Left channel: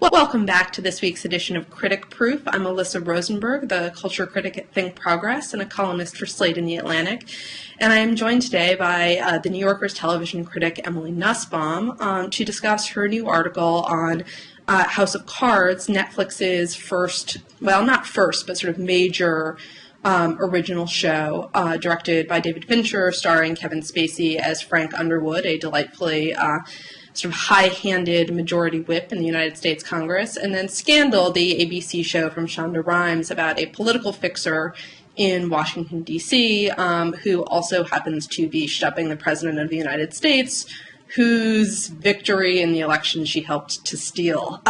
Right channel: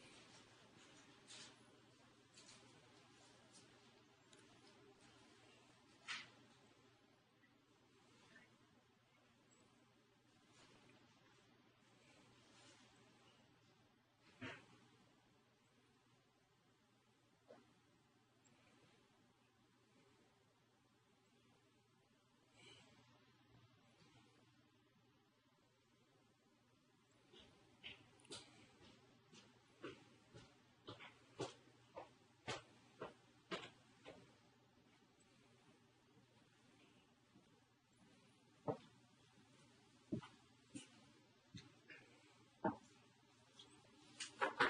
Welcome back to this week's edition of Critic Proof. I'm Alyssa Rosenberg, the culture critic at Think Progress and a columnist for Slate and The Atlantic. And I am joined today by the New Yorker's television critic Emily Nussbaum to discuss her new article on House of Cards, Netflix's first, well, not first, but sort of major original show, directed by David Fincher, starring Kevin Spacey as Frank Underwood, a delightfully sort of high-handed majority whip in the United States Congress, and then Scandal, the ABC show from Shonda Rhimes about a political fixer in Washington, D.C., who also happens to be shoving the President of the United States, whose victory in the election she helped to steal.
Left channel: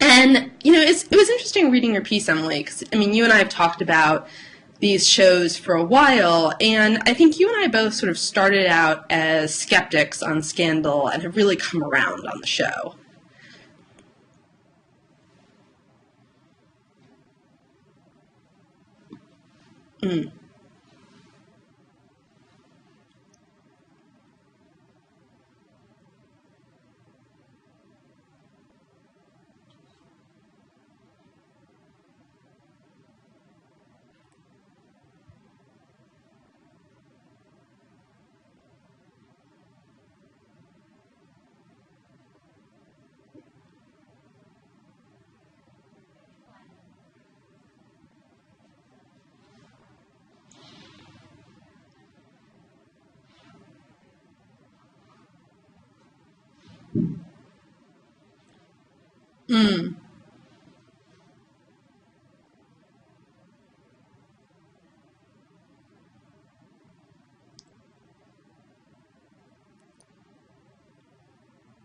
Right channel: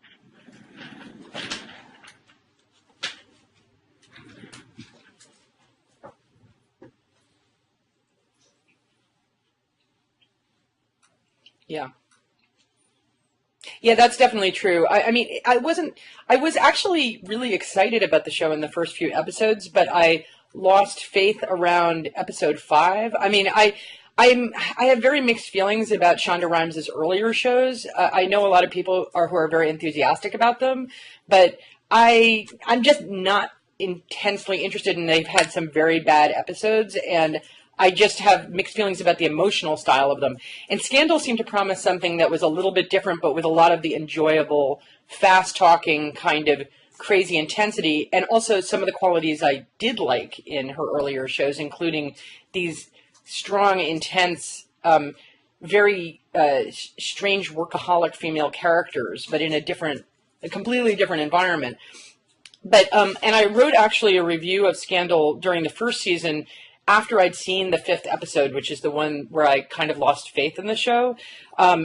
And, you know, it was interesting reading your piece, Emily, because, I mean, you and I have talked about these shows for a while, and I think you and I both sort of started out as skeptics on Scandal and have really come around on the show. Yeah, that's definitely true. I was actually really excited about the show in the first few episodes, but I lost faith around episode 5. I mean, I have very mixed feelings about Shonda Rhimes' earlier shows. I know a lot of people who are very enthusiastic about them, but I'm just not intensely interested, and they've had some very bad episodes, and I just have mixed feelings about the emotional style of them. And Scandal seemed to promise something that was a little bit different, but with a lot of the enjoyable, fast-talking kind of crazy intensity, and also some of the qualities I did like in her earlier shows, including these strong, intense, very strange workaholic female characters, but in a completely different environment. But, and I wrote actually a review of Scandal during the first season after I'd seen the 5th episode, which is the one where I kind of lost faith in the show.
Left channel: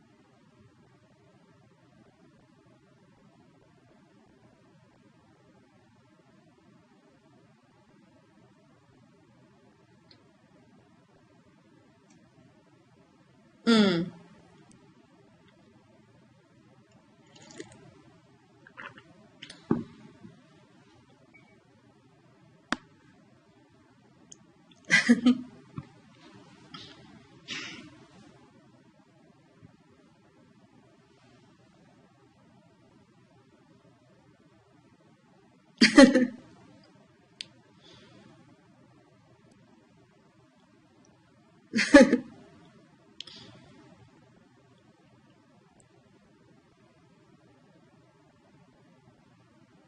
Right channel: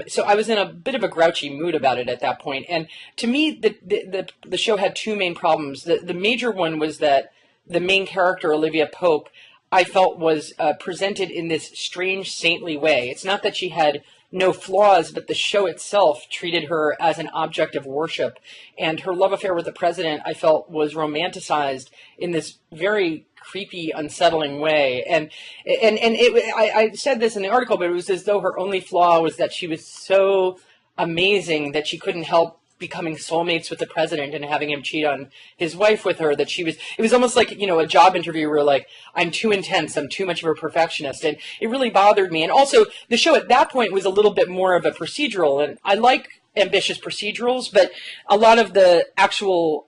So I was in a bit of a grouchy mood about it at that point. And to me, the show had two main problems. The major one was that the main character, Olivia Pope, I felt was presented in this strange, saintly way. It's not that she had no flaws, but the show itself treated her as an object of worship. And her love affair with the president, I felt, was romanticized in this very creepy, unsettling way. And I said this in the article, but it was as though her only flaw was that she was so amazing that she couldn't help becoming soulmates with the president and having him cheat on his wife with her, that it was almost like, you know, a job interview where like, I'm too intense, I'm too much of a perfectionist, and it really bothered me. And also, the show at that point was a little bit more of a procedural, and I like ambitious procedurals, but a lot of the actual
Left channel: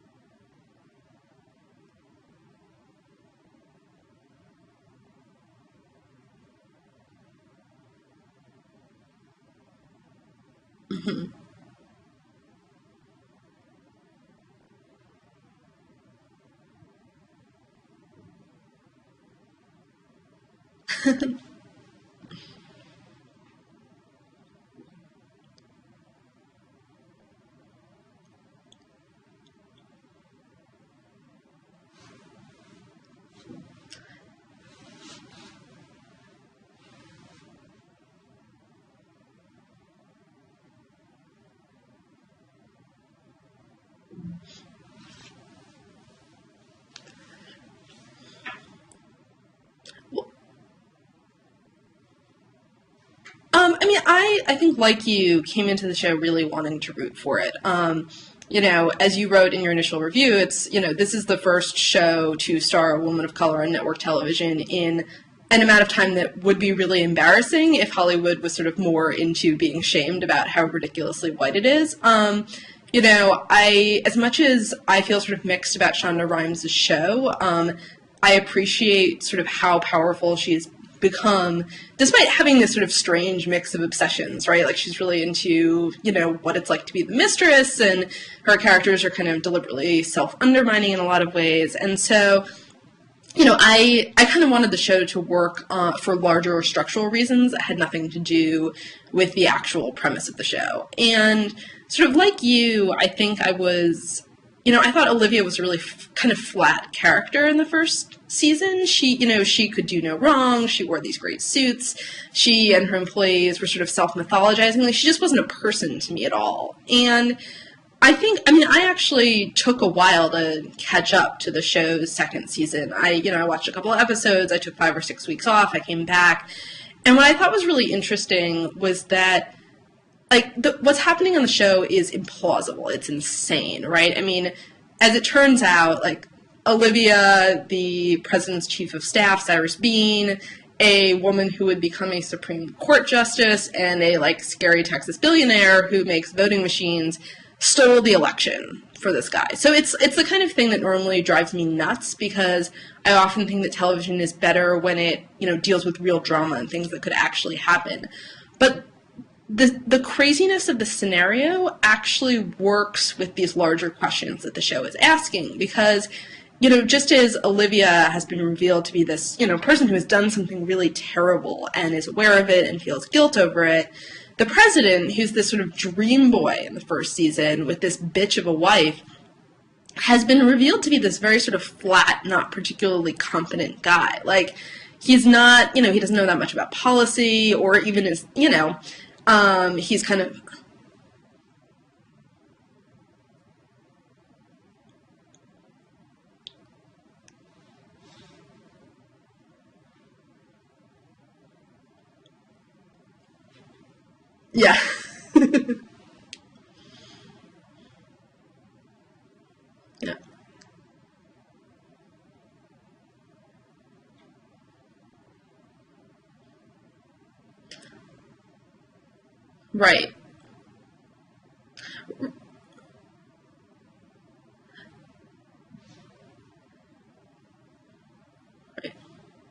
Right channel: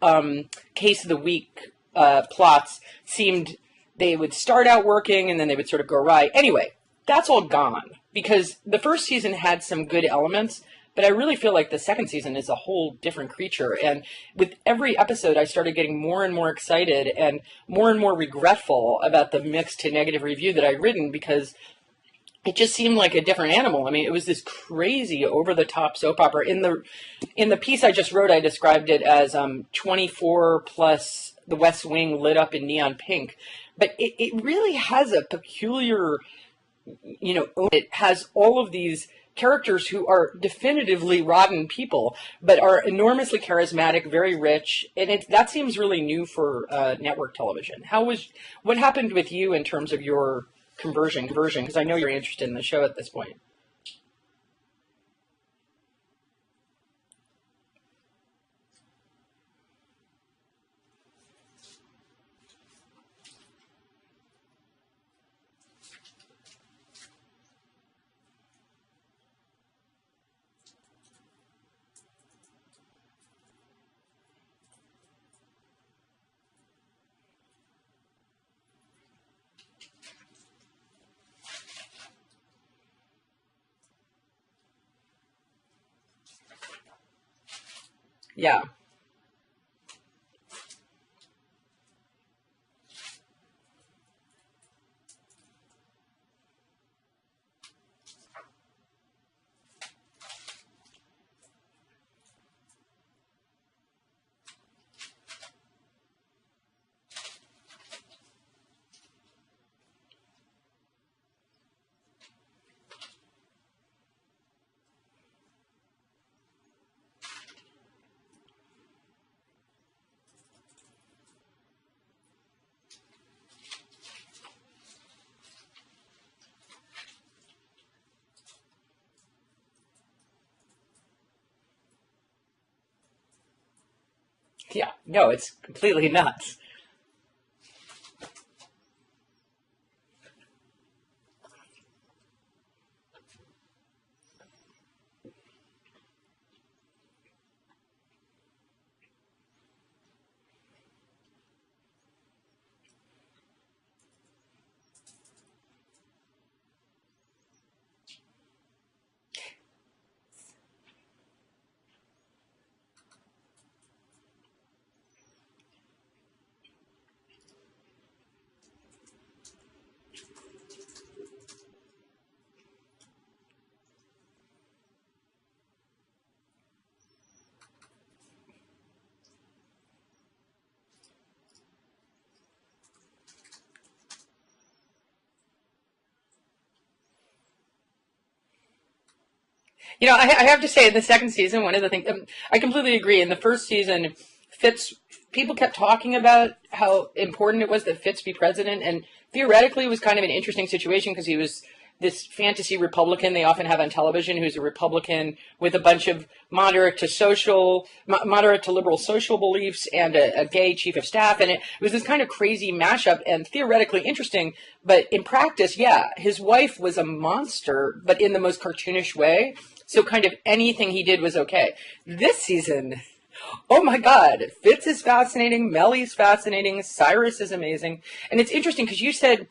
case of the week plots seemed, they would start out working and then they would sort of go awry. Anyway, that's all gone, because the first season had some good elements, but I really feel like the second season is a whole different creature. And with every episode, I started getting more and more excited and more regretful about the mixed to negative review that I'd written, because it just seemed like a different animal. I mean, it was this crazy, over-the-top soap opera. In the piece I just wrote, I described it as 24 plus The West Wing lit up in neon pink. But it really has a peculiar, you know, it has all of these characters who are definitively rotten people, but are enormously charismatic, very rich, and that seems really new for network television. What happened with you in terms of your conversion? Because I know you're interested in the show at this point. I mean, I think, like you, came into the show really wanting to root for it. You know, as you wrote in your initial review, it's, you know, this is the first show to star a woman of color on network television in an amount of time that would be really embarrassing if Hollywood was sort of more into being shamed about how ridiculously white it is. You know, as much as I feel sort of mixed about Shonda Rhimes' show, I appreciate sort of how powerful she's become, despite having this sort of strange mix of obsessions, right? Like, she's really into, you know, what it's like to be the mistress, and her characters are kind of deliberately self-undermining in a lot of ways. And so, you know, I kind of wanted the show to work for larger structural reasons that had nothing to do with the actual premise of the show. And sort of like you, I think I thought Olivia was a really kind of flat character in the first season. She, you know, she could do no wrong. She wore these great suits. She and her employees were sort of self-mythologizing. Like, she just wasn't a person to me at all. And I actually took a while to catch up to the show's second season. I watched a couple of episodes. I took 5 or 6 weeks off. I came back. And what I thought was really interesting was that like, what's happening on the show is implausible. It's insane, right? I mean, Yeah. as it turns out, like, nuts. Olivia, the president's chief of staff, Cyrus Bean, a woman who would become a Supreme Court justice, and a, like, scary Texas billionaire who makes voting machines, stole the election for this guy. So it's the kind of thing that normally drives me nuts, because I often think that television is better when it, you know, deals with real drama and things that could actually happen. But the craziness of the scenario actually works with these larger questions that the show is asking, because, you know, just as Olivia has been revealed to be this, you know, person who has done something really terrible and is aware of it and feels guilt over it, the president, who's this sort of dream boy in the first season with this bitch of a wife, has been revealed to be this very sort of flat, not particularly competent guy. Like, he's not, you know, he doesn't know that much about policy or even his, you know, he's You know, I have to say, in the second season, one of the things, I completely agree. In the first season, people kept talking about how important it was that Fitz be president, and theoretically it was kind of an interesting situation because he was this fantasy Republican they often have on television, who's a Republican with a bunch of moderate to liberal social beliefs and a gay chief of staff, and it was this kind of crazy mashup and theoretically interesting, but in practice, his wife was a monster, but in the most cartoonish way. Right. So kind of anything he did was okay. This season, oh my God, Fitz is fascinating, Melly's fascinating, Cyrus is amazing, and it's interesting because you said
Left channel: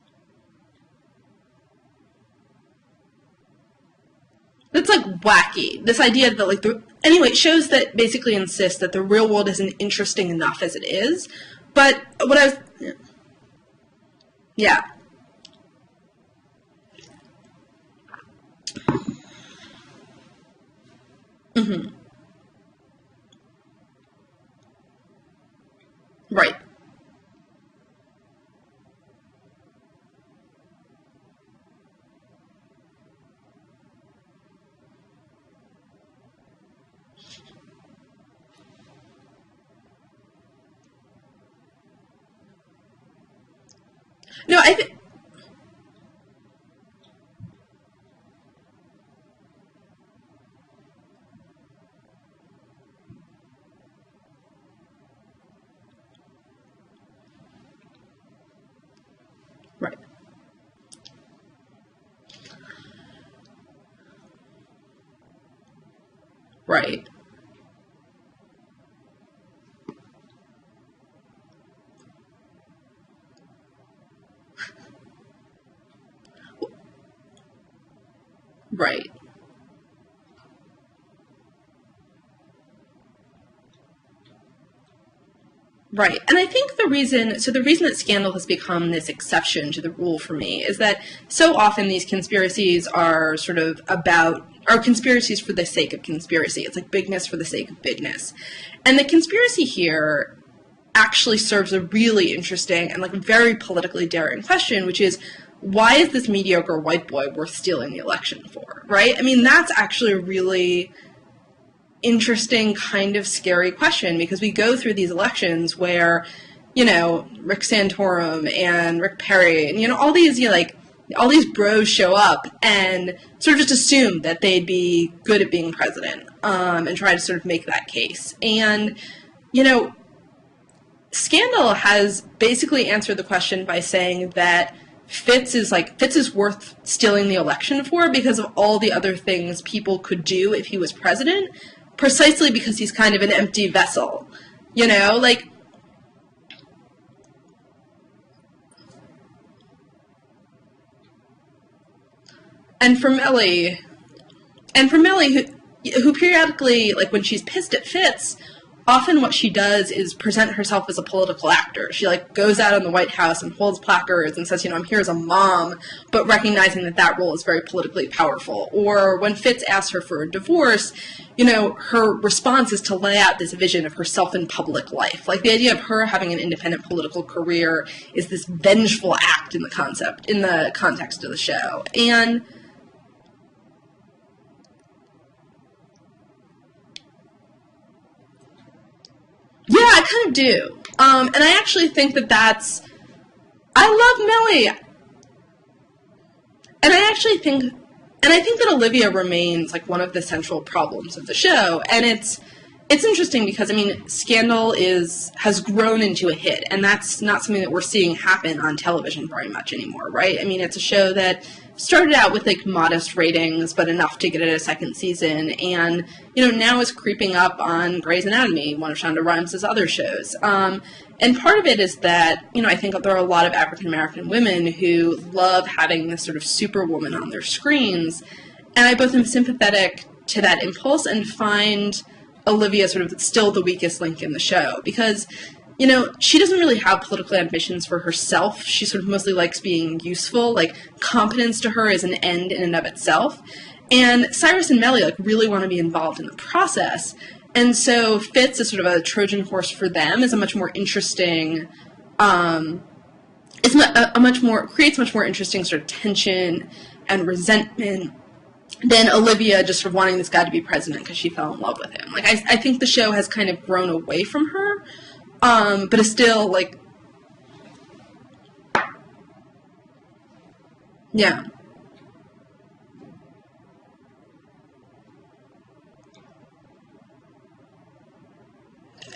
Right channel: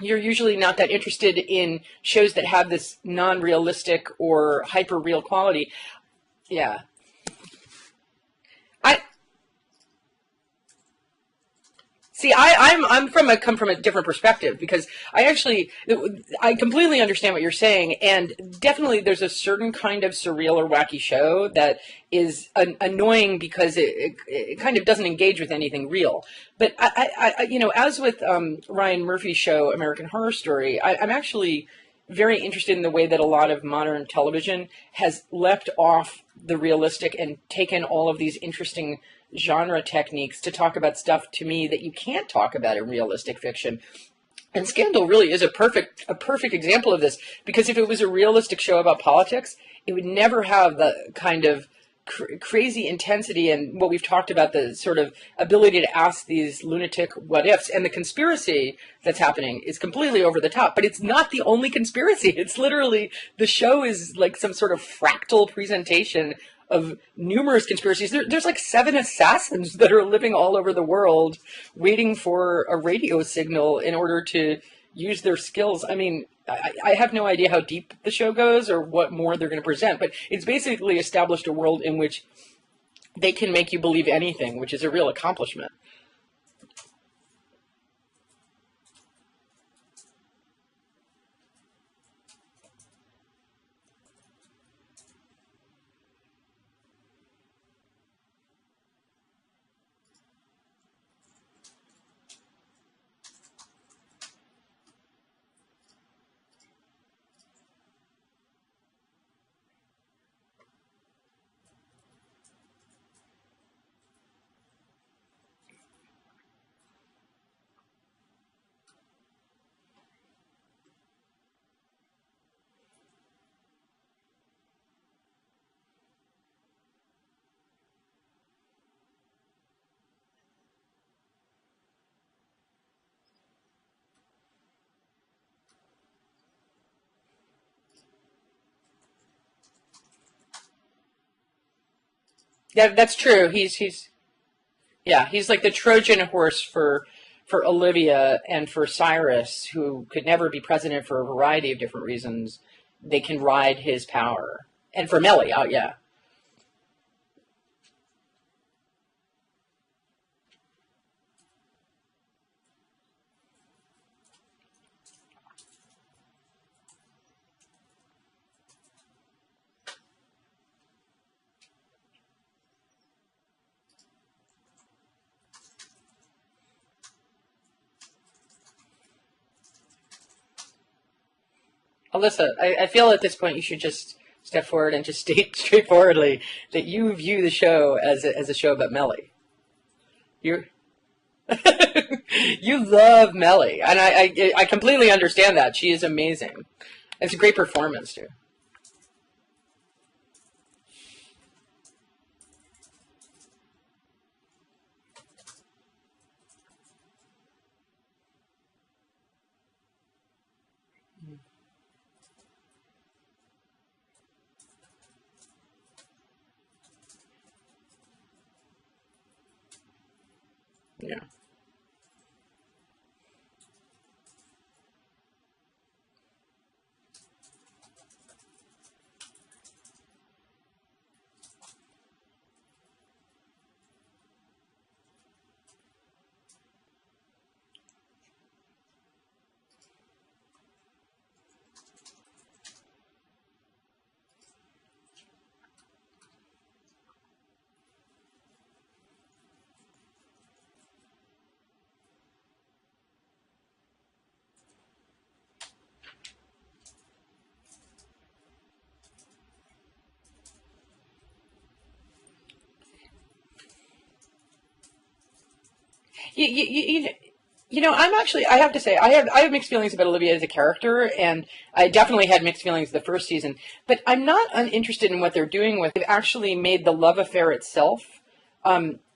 you're usually not that interested in shows that have this non-realistic or hyper-real quality. This idea that, like, anyway, shows that basically insist that the real world isn't interesting enough as it is. But see, I come from a different perspective, because I completely understand what you're saying, and definitely there's a certain kind of surreal or wacky show that is annoying because it kind of doesn't engage with anything real. Right. But I you know, as with Ryan Murphy's show American Horror Story, I'm actually very interested in the way that a lot of modern television has leapt off the realistic and taken all of these interesting genre techniques to talk about stuff, to me, that you can't talk about in realistic fiction. No, Scandal really is a perfect example of this, because if it was a realistic show about politics, it would never have the kind of crazy intensity and what we've talked about, the sort of ability to ask these lunatic what ifs, and the conspiracy that's happening is completely over the top. But it's not the only conspiracy. It's literally, the show is like some sort of fractal presentation. Right. Numerous conspiracies. There's like 7 assassins that are living all over the world waiting for a radio signal in order to use their skills. I mean, I have no idea how deep the show goes or what more they're going to present, but it's basically established a world in which they can make you believe anything, which is a real accomplishment. Right. And I think the reason that Scandal has become this exception to the rule for me is that so often these conspiracies are conspiracies for the sake of conspiracy. It's like bigness for the sake of bigness. And the conspiracy here actually serves a really interesting and, like, very politically daring question, which is, why is this mediocre white boy worth stealing the election for, right? I mean, that's actually a really interesting, kind of scary question, because we go through these elections where, you know, Rick Santorum and Rick Perry and, you know, all these, you know, like, all these bros show up and sort of just assume that they'd be good at being president, and try to sort of make that case. And, you know, Scandal has basically answered the question by saying that Fitz is worth stealing the election for because of all the other things people could do if he was president, precisely because he's kind of an empty vessel. You know, like, he's like the Trojan horse for Olivia and for Cyrus, who could never be president for a variety of different reasons. And for Melly, can ride his power. And for Melly, who periodically, like, when she's pissed at Fitz, often what she does is present herself as a political actor. She, like, goes out in the White House and holds placards and says, you know, I'm here as a mom, but recognizing that that role is very politically powerful. Or when Fitz asks her for a divorce, you know, her response is to lay out this vision of herself in public life. Like, the idea of her having an independent political career is this vengeful act in the context of the show. And Alyssa, I feel at this point you should just step forward and just state straightforwardly that you view the show as a show about Melly. Yeah, I kind of do. And I actually think that that's... You love Melly. I love Melly. I completely understand that. She is amazing. And I actually it's a great performance, too. And I think that Olivia remains, like, one of the central problems of the show. And it's interesting because, I mean, Scandal has grown into a hit. And that's not something that we're seeing happen on television very much anymore, right? I mean, it's a show that started out with, like, modest ratings, but enough to get it a second season. And, you know, now is creeping up on Grey's Anatomy, one of Shonda Rhimes' other shows. And part of it is that, you know, I think there are a lot of African-American women who love having this sort of superwoman on their screens. And I both am sympathetic to that impulse and find Olivia sort of still the weakest link in the show. Because, you know, she doesn't really have political ambitions for herself. She sort of mostly likes being useful. Like, competence to her is an end in and of itself. And Cyrus and Melly, like, really want to be involved in the process. And so Fitz is sort of a Trojan horse for them, is a much more interesting, creates much more interesting sort of tension and resentment than Olivia just sort of wanting this guy to be president because she fell in love with him. Like, I think the show has kind of grown away from her. But it's still like you know, I have to say I have mixed feelings about Olivia as a character, and yeah. I definitely had mixed feelings the first season. But I'm not uninterested in what they're doing with it. They've actually made the love affair itself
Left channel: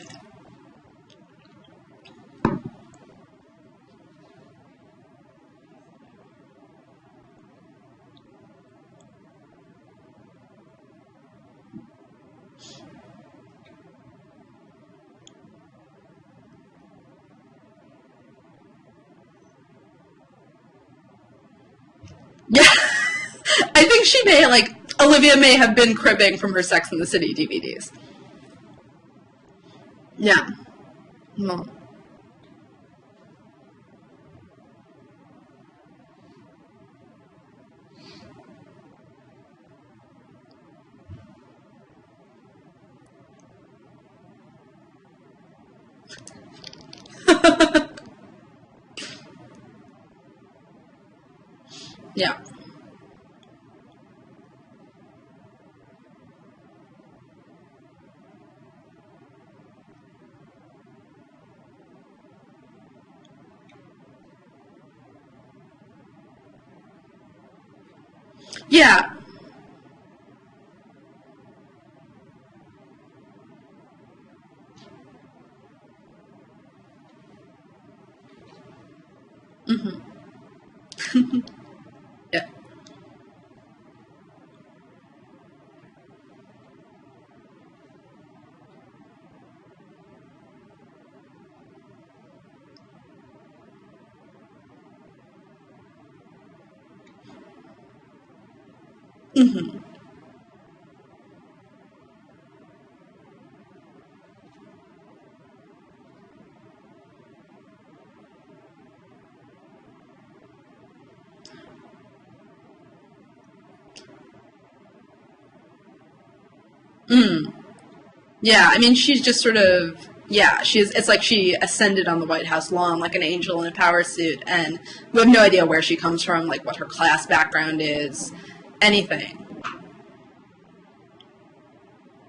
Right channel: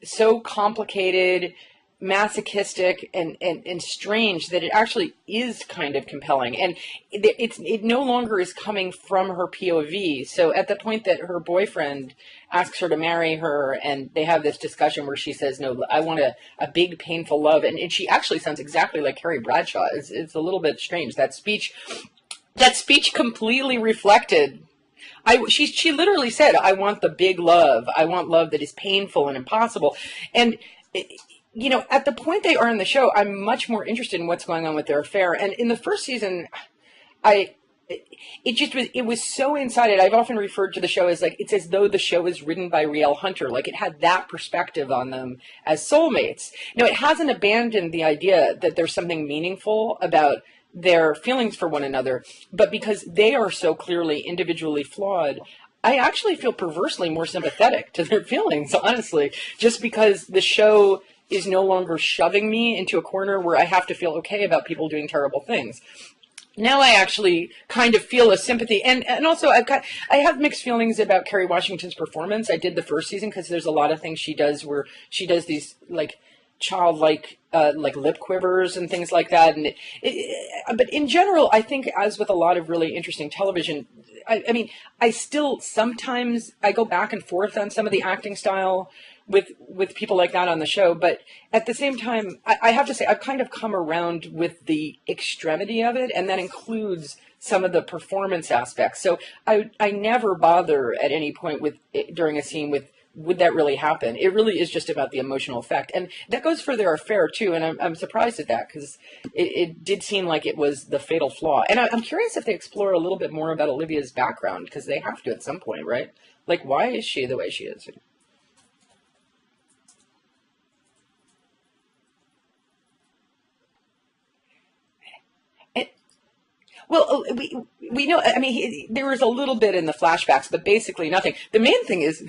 so complicated, masochistic, and strange that it actually is kind of compelling. And it no longer is coming from her POV. So at the point that her boyfriend asks her to marry her, and they have this discussion where she says, no, I want a big, painful love. And she actually sounds exactly like Carrie Bradshaw. It's a little bit strange. That speech completely I think reflected. she may, Olivia may have been cribbing from her Sex I and want the the City big DVDs. love. I want love that is painful and impossible. Yeah. And, you know, at the point they are in the show, I'm much more interested in what's going on with their affair. And in the first season, it was so inside it. I've often referred to the show as, like, it's as though the show is written by Riel Hunter. Like, it had that perspective on them as soulmates. No, it hasn't abandoned the idea that there's something meaningful about their feelings for one another. Yeah. But because they are so clearly individually flawed, I actually feel perversely more sympathetic to their feelings, honestly, just because the show is no longer shoving me into a corner where I have to feel okay about people doing terrible things. Now I actually kind of feel a sympathy. Yeah. And also I have mixed feelings about Kerry Washington's performance. I did the first season because there's a lot of things she does where she does these, like, childlike like lip quivers and things like that. And but in general, I think, as with a lot of really interesting television, I mean, I still sometimes I go back and forth on some of the acting style with people like that on the show, but at the same time, I have to say I've kind of come around with the extremity of it, and that includes some of the performance aspects. So I never bother at any point during a scene with, would that really happen? It really is just about the emotional effect. And that goes for their affair, too, and I'm surprised at that, because it did seem like it was the fatal flaw. And I'm curious if they explore a little bit more about Olivia's background, because they have to at some point, right? Like, why is she the way she is? Yeah, I mean, she's just sort of, it's like she ascended on the White House lawn like an angel in a power suit, and we have no idea where she comes from, like what her class background is. We know, I mean, there was a little bit in the flashbacks, but basically nothing. The main thing is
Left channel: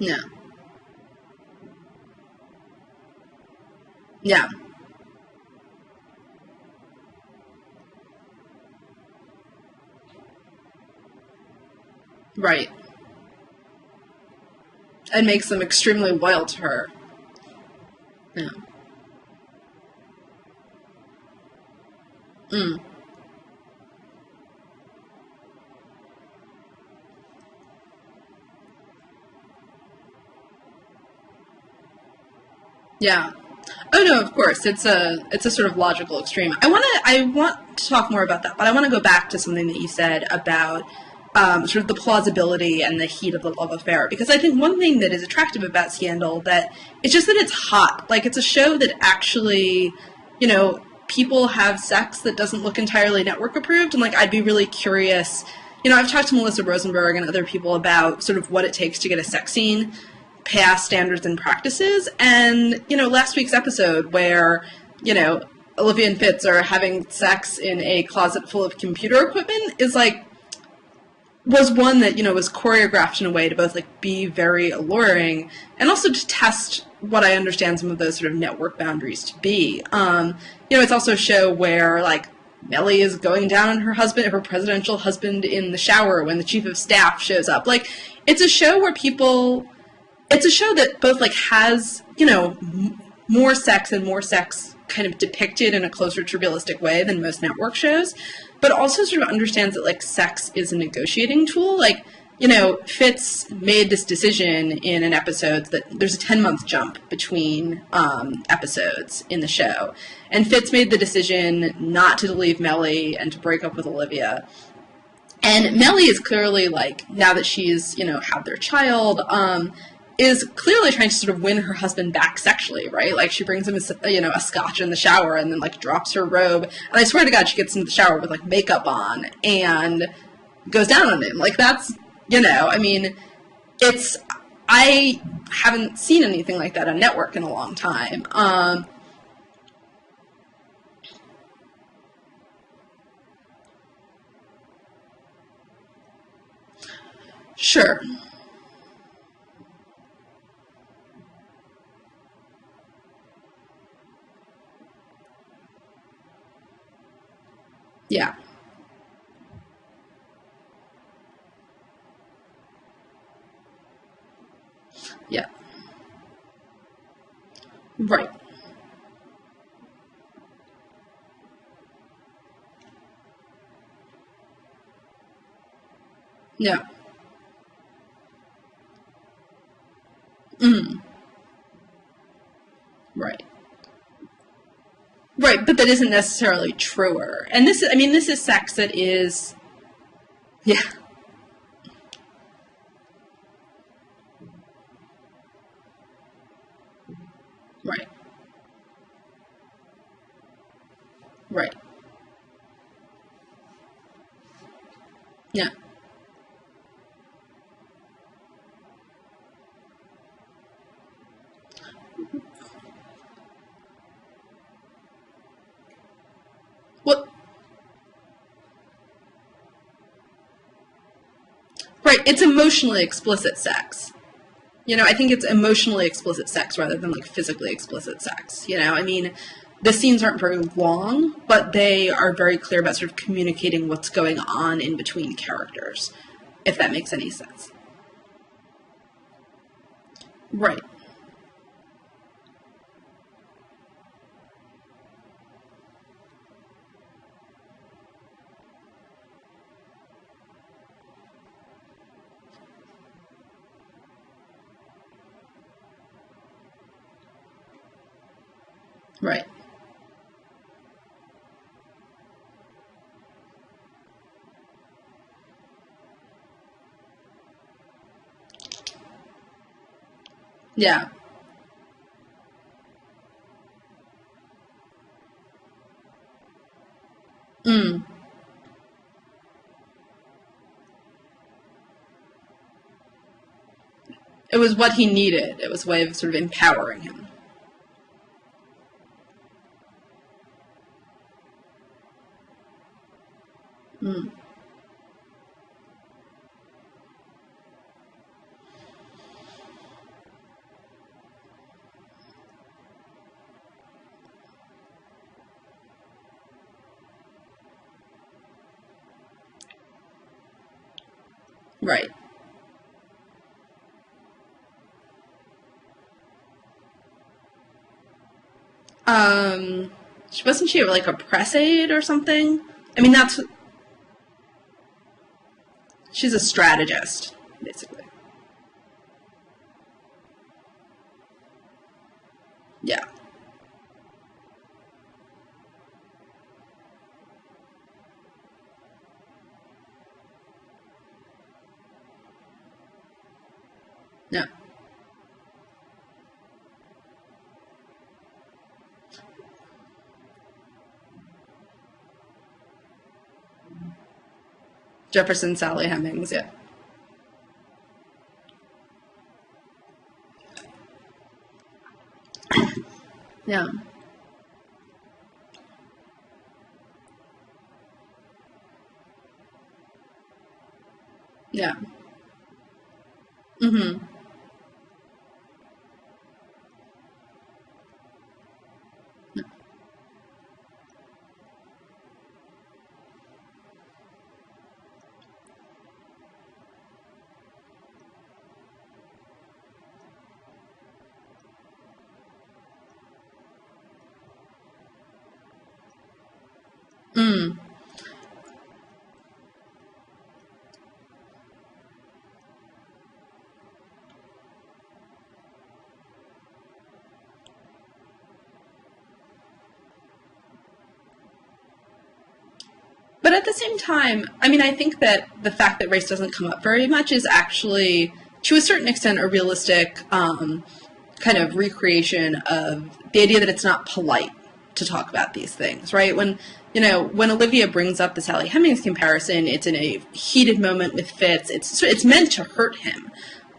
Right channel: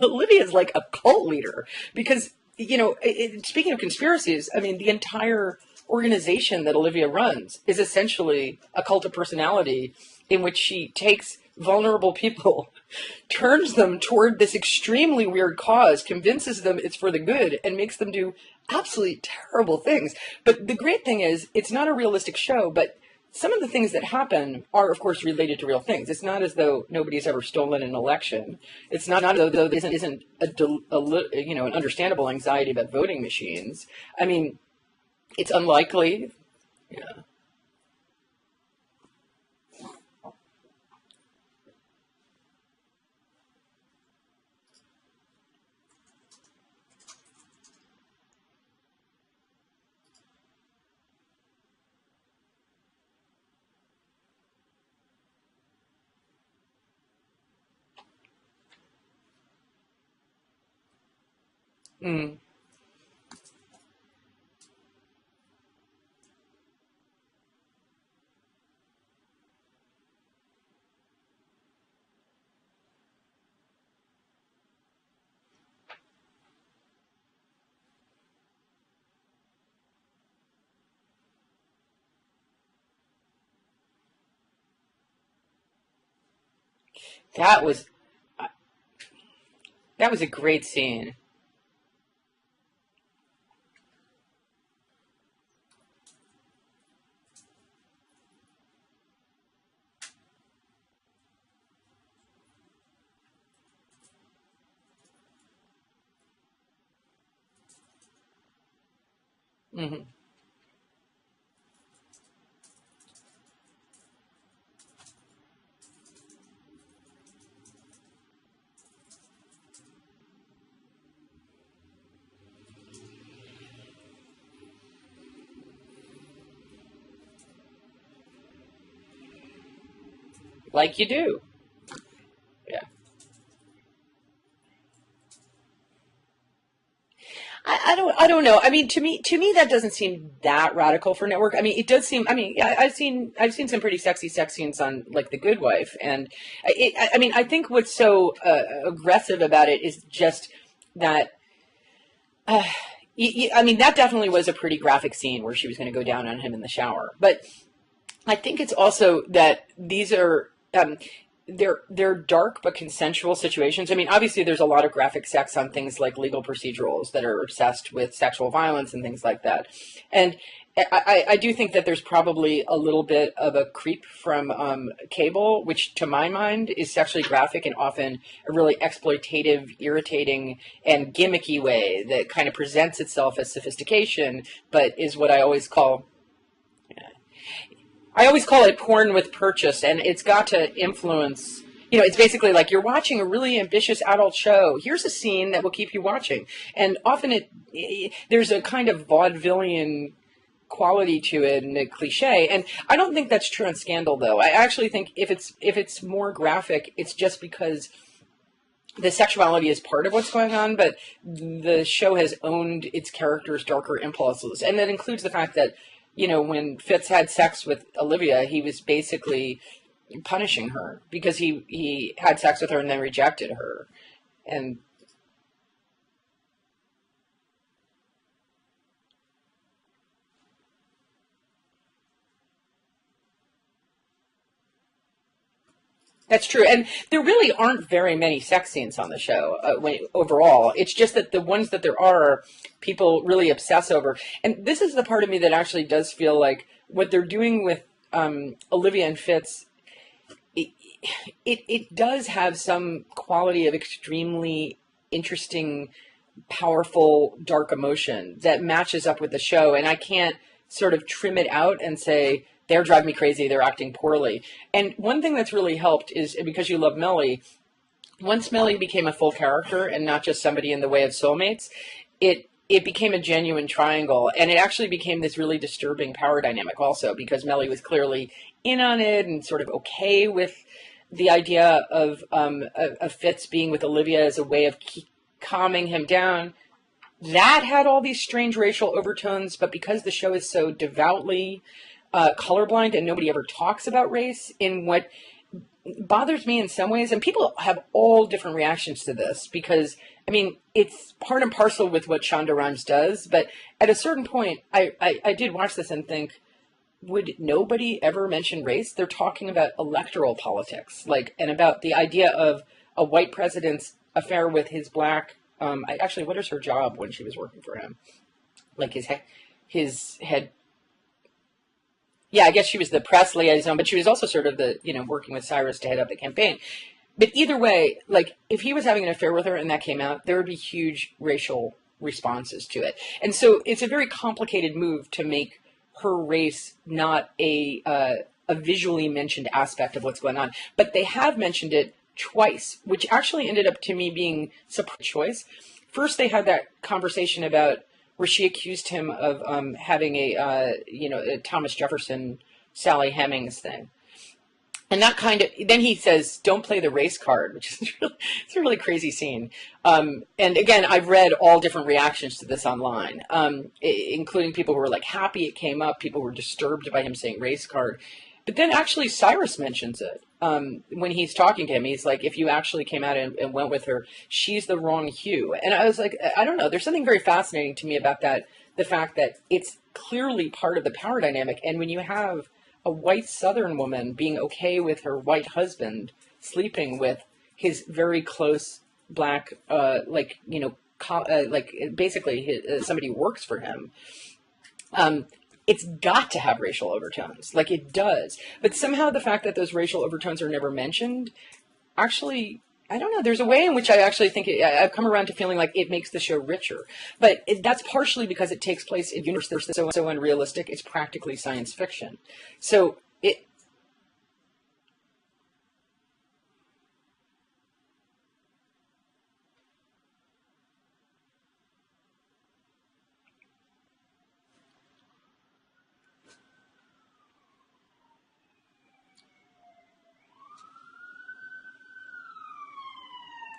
Olivia's like a cult leader, because, you know, speaking of conspiracies, I mean, the entire organization that Olivia runs is essentially a cult of personality in which she takes vulnerable people, turns them toward this extremely weird cause, convinces them it's for the good, and makes them do absolutely terrible things. But the great thing is, it's not a realistic show, but some of the things that happen are, of course, related to real things. It's not as though nobody's ever stolen an election. It's not as though there isn't an understandable anxiety about voting machines. Oh no, of course, it's a sort of logical extreme. I want to talk more about that, but I want to go back to something that you said about sort of the plausibility and the heat of the love affair. Because I think one thing that is attractive about Scandal, that it's just that it's hot. Like, it's a show that actually, you know, people have sex that doesn't look entirely network approved. And, like, I'd be really curious. You know, I've talked to Alyssa Rosenberg and other people about sort of what it takes to get a sex scene past standards and practices. And, you know, last week's episode where, you know, Olivia and Fitz are having sex in a closet full of computer equipment is, like, was one that, was choreographed in a way to both, like, be very alluring and also to test what I understand some of those sort of network boundaries to be. It's also a show where, like, Mellie is going down on her presidential husband in the shower when the chief of staff shows up. Like, it's a show where people... That was a great It's a show scene. that both, like, has, more sex kind of depicted in a closer to realistic way than most network shows, but also sort of understands that, like, sex is a negotiating tool. Like, Fitz made this decision in an episode that there's a 10-month jump between episodes in the show. Mm-hmm. And Fitz made the decision not to leave Mellie and to break up with Olivia. And Mellie is clearly, like, now that she's, had their child, is clearly trying to sort of win her husband back sexually, right? Like, she brings him a scotch in the shower and then, like, drops her robe. And I swear to God, she gets into the shower with, like, makeup on and goes down on him. Like, that's, I haven't seen anything like that on network in a long time. I don't know. I mean, to me, that doesn't seem that radical for network. I mean, it does seem. I mean, I've seen some pretty sexy sex scenes on, like, The Good Wife, and I think what's so aggressive about it is just that. That definitely was a pretty graphic scene where she was going to go down on him in the shower. But yeah, I think it's also that these are. They're dark but consensual situations. I mean, obviously there's a lot of graphic sex on things like legal procedurals that are obsessed with sexual violence and things like that. And I do think that there's probably a little bit of a creep from cable, which to my mind is sexually graphic and often a really exploitative, irritating, and gimmicky way that kind of presents itself as sophistication, but is what I always call... that isn't necessarily truer. And this I always call it porn with purchase, and it's got to influence... it's basically like you're watching a really ambitious adult show. Here's a scene that will keep you watching. And often there's a kind of vaudevillian quality to it and a cliche, and I don't think that's true on Scandal, though. I actually think if it's more graphic, it's just because the sexuality is part of what's going on, but the show has owned its characters' darker impulses, and that includes the fact that when Fitz had sex with Olivia, he was basically punishing her because he it's emotionally explicit sex. And I think it's emotionally explicit sex rather than, like, physically explicit sex. The scenes aren't very long, but they are very clear about sort of communicating what's going on in between characters. That's true. And there really aren't very many sex scenes on the show overall. Right. It's just that the ones that there are, people really obsess over. And this is the part of me that actually does feel like what they're doing with Olivia and Fitz, it does have some quality of extremely interesting, powerful, dark emotion that matches up with the show, and I can't sort of trim it out and say they're driving me crazy, they're acting poorly. And one thing that's really helped is, because you love Mellie, once Mellie became a full character and not just somebody in the way of soulmates, it became a genuine triangle, and it actually became this really disturbing power dynamic also, because Mellie was clearly in on it and sort of okay with the idea of Fitz being with Olivia as a way of what he needed, calming him down, sort of empowering him. That had all these strange racial overtones, but because the show is so devoutly colorblind and nobody ever talks about race, in what bothers me in some ways, and people have all different reactions to this, because I mean, it's part and parcel with what Shonda Rhimes does, but at a certain point, I did watch this and think, would nobody ever mention race? They're talking about electoral politics, and about the idea of a white president's affair with his black. What is her job when she was working for him? Like his head. Wasn't she like a press aide or something? Yeah, I guess she was the press liaison, but she was also sort of the working with Cyrus to head up the campaign. She's a strategist. But either way, if he was having an affair with her and that came out, there would be huge racial responses to it. Yeah. And so it's a very complicated move to make her race not a visually mentioned aspect of what's going on, but they have mentioned it twice, which actually ended up to me being a surprise choice. First, they had that conversation about where she accused him of having a Thomas Jefferson, Sally Hemings thing. And that then he says, don't play the race card, which is it's a really crazy scene. And again, I've read all different reactions to this online, including people who were happy it came up. People were disturbed by him saying race card. But then actually Cyrus mentions it. when he's talking to Yeah. him, he's like, if you actually came out and went with her, she's the wrong hue. And I was like, I don't know. There's something very fascinating to me about that. The fact that it's clearly part of the power dynamic. And when you have a white Southern woman being okay with her white husband sleeping with his very close black, basically somebody who works for him, it's got to have racial overtones. Like, it does. But somehow the fact that those racial overtones are never mentioned, actually, I don't know. There's a way in which I actually think I've come around to feeling like it makes the show richer. But that's partially because it takes place in a universe that's so unrealistic, it's practically science fiction. So, but at the same time, I mean, I think that the fact that race doesn't come up very much is actually, to a certain extent, a realistic kind of recreation of the idea that it's not polite to talk about these things, right? When Olivia brings up the Sally Hemings comparison, it's in a heated moment with Fitz. It's meant to hurt him.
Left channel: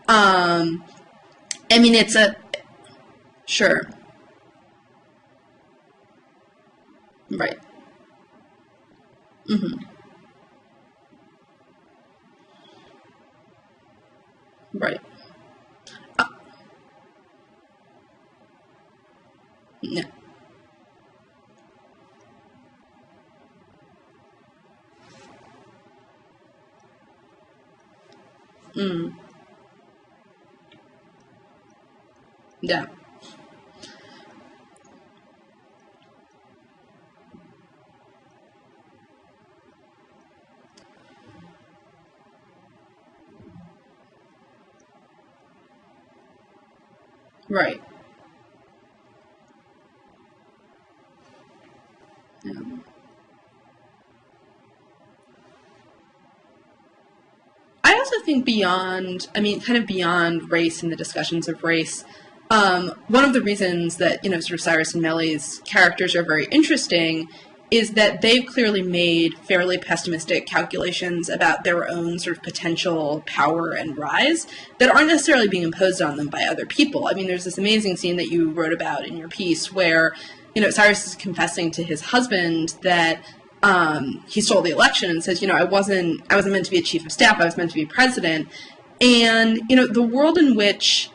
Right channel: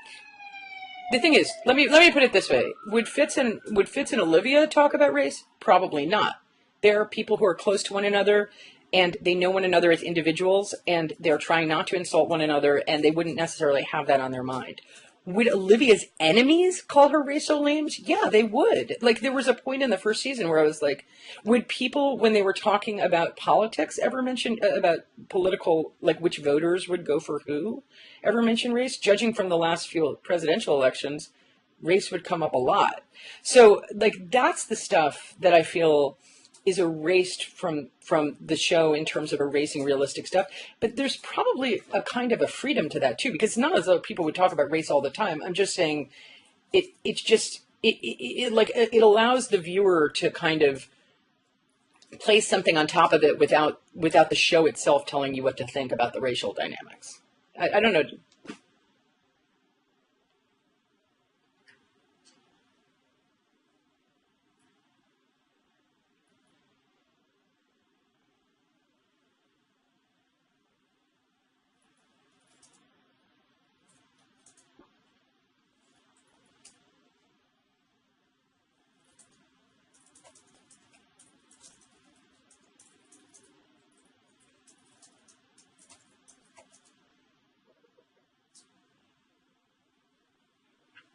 The thing is, let me put it this way: would Fitz and Sure. would Fitz and Olivia talk about race? Probably not. They're people who are close to one another, and they know one another as individuals, and they're trying not to insult one another, and they wouldn't necessarily have that on their mind. Right. Would Olivia's enemies call her racial names? Yeah, they would. Like, there was a point in the first season where I was like, would people, when they were talking about politics, ever mention about political, like which voters would go for who, ever mention race? Judging from the last few presidential elections, race would come up a lot. So, like, that's the stuff that I feel is erased from the show in terms of erasing realistic stuff. But there's probably a kind of a freedom to that too, because it's not as though people would talk about race all the time. I'm just saying it's just it allows the viewer to kind of place something on top of it without the show itself telling you what to think about the racial dynamics. I also think beyond race and the discussions of race, one of the reasons that, sort of Cyrus and Melly's characters are very interesting is that they've clearly made fairly pessimistic calculations about their own sort of potential power and rise that aren't necessarily being imposed on them by other people. I mean, there's this amazing scene that you wrote about in your piece where, Cyrus is confessing to his husband that he stole the election and says, I wasn't meant to be a chief of staff, I was meant to be president. And, the world in which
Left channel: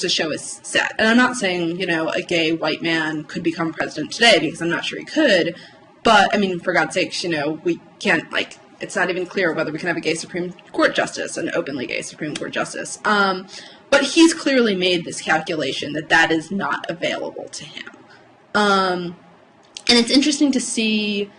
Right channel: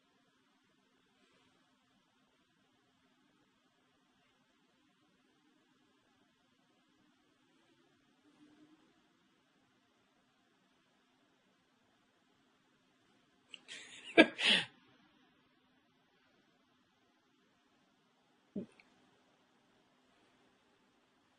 the show is set, and I'm not saying, a gay white man could become president today, because I'm not sure he could, but, I mean, for God's sakes, we can't, it's not even clear whether we can have a gay Supreme Court justice, an openly gay Supreme Court justice. But he's clearly made this calculation that is not available to him. And it's interesting to see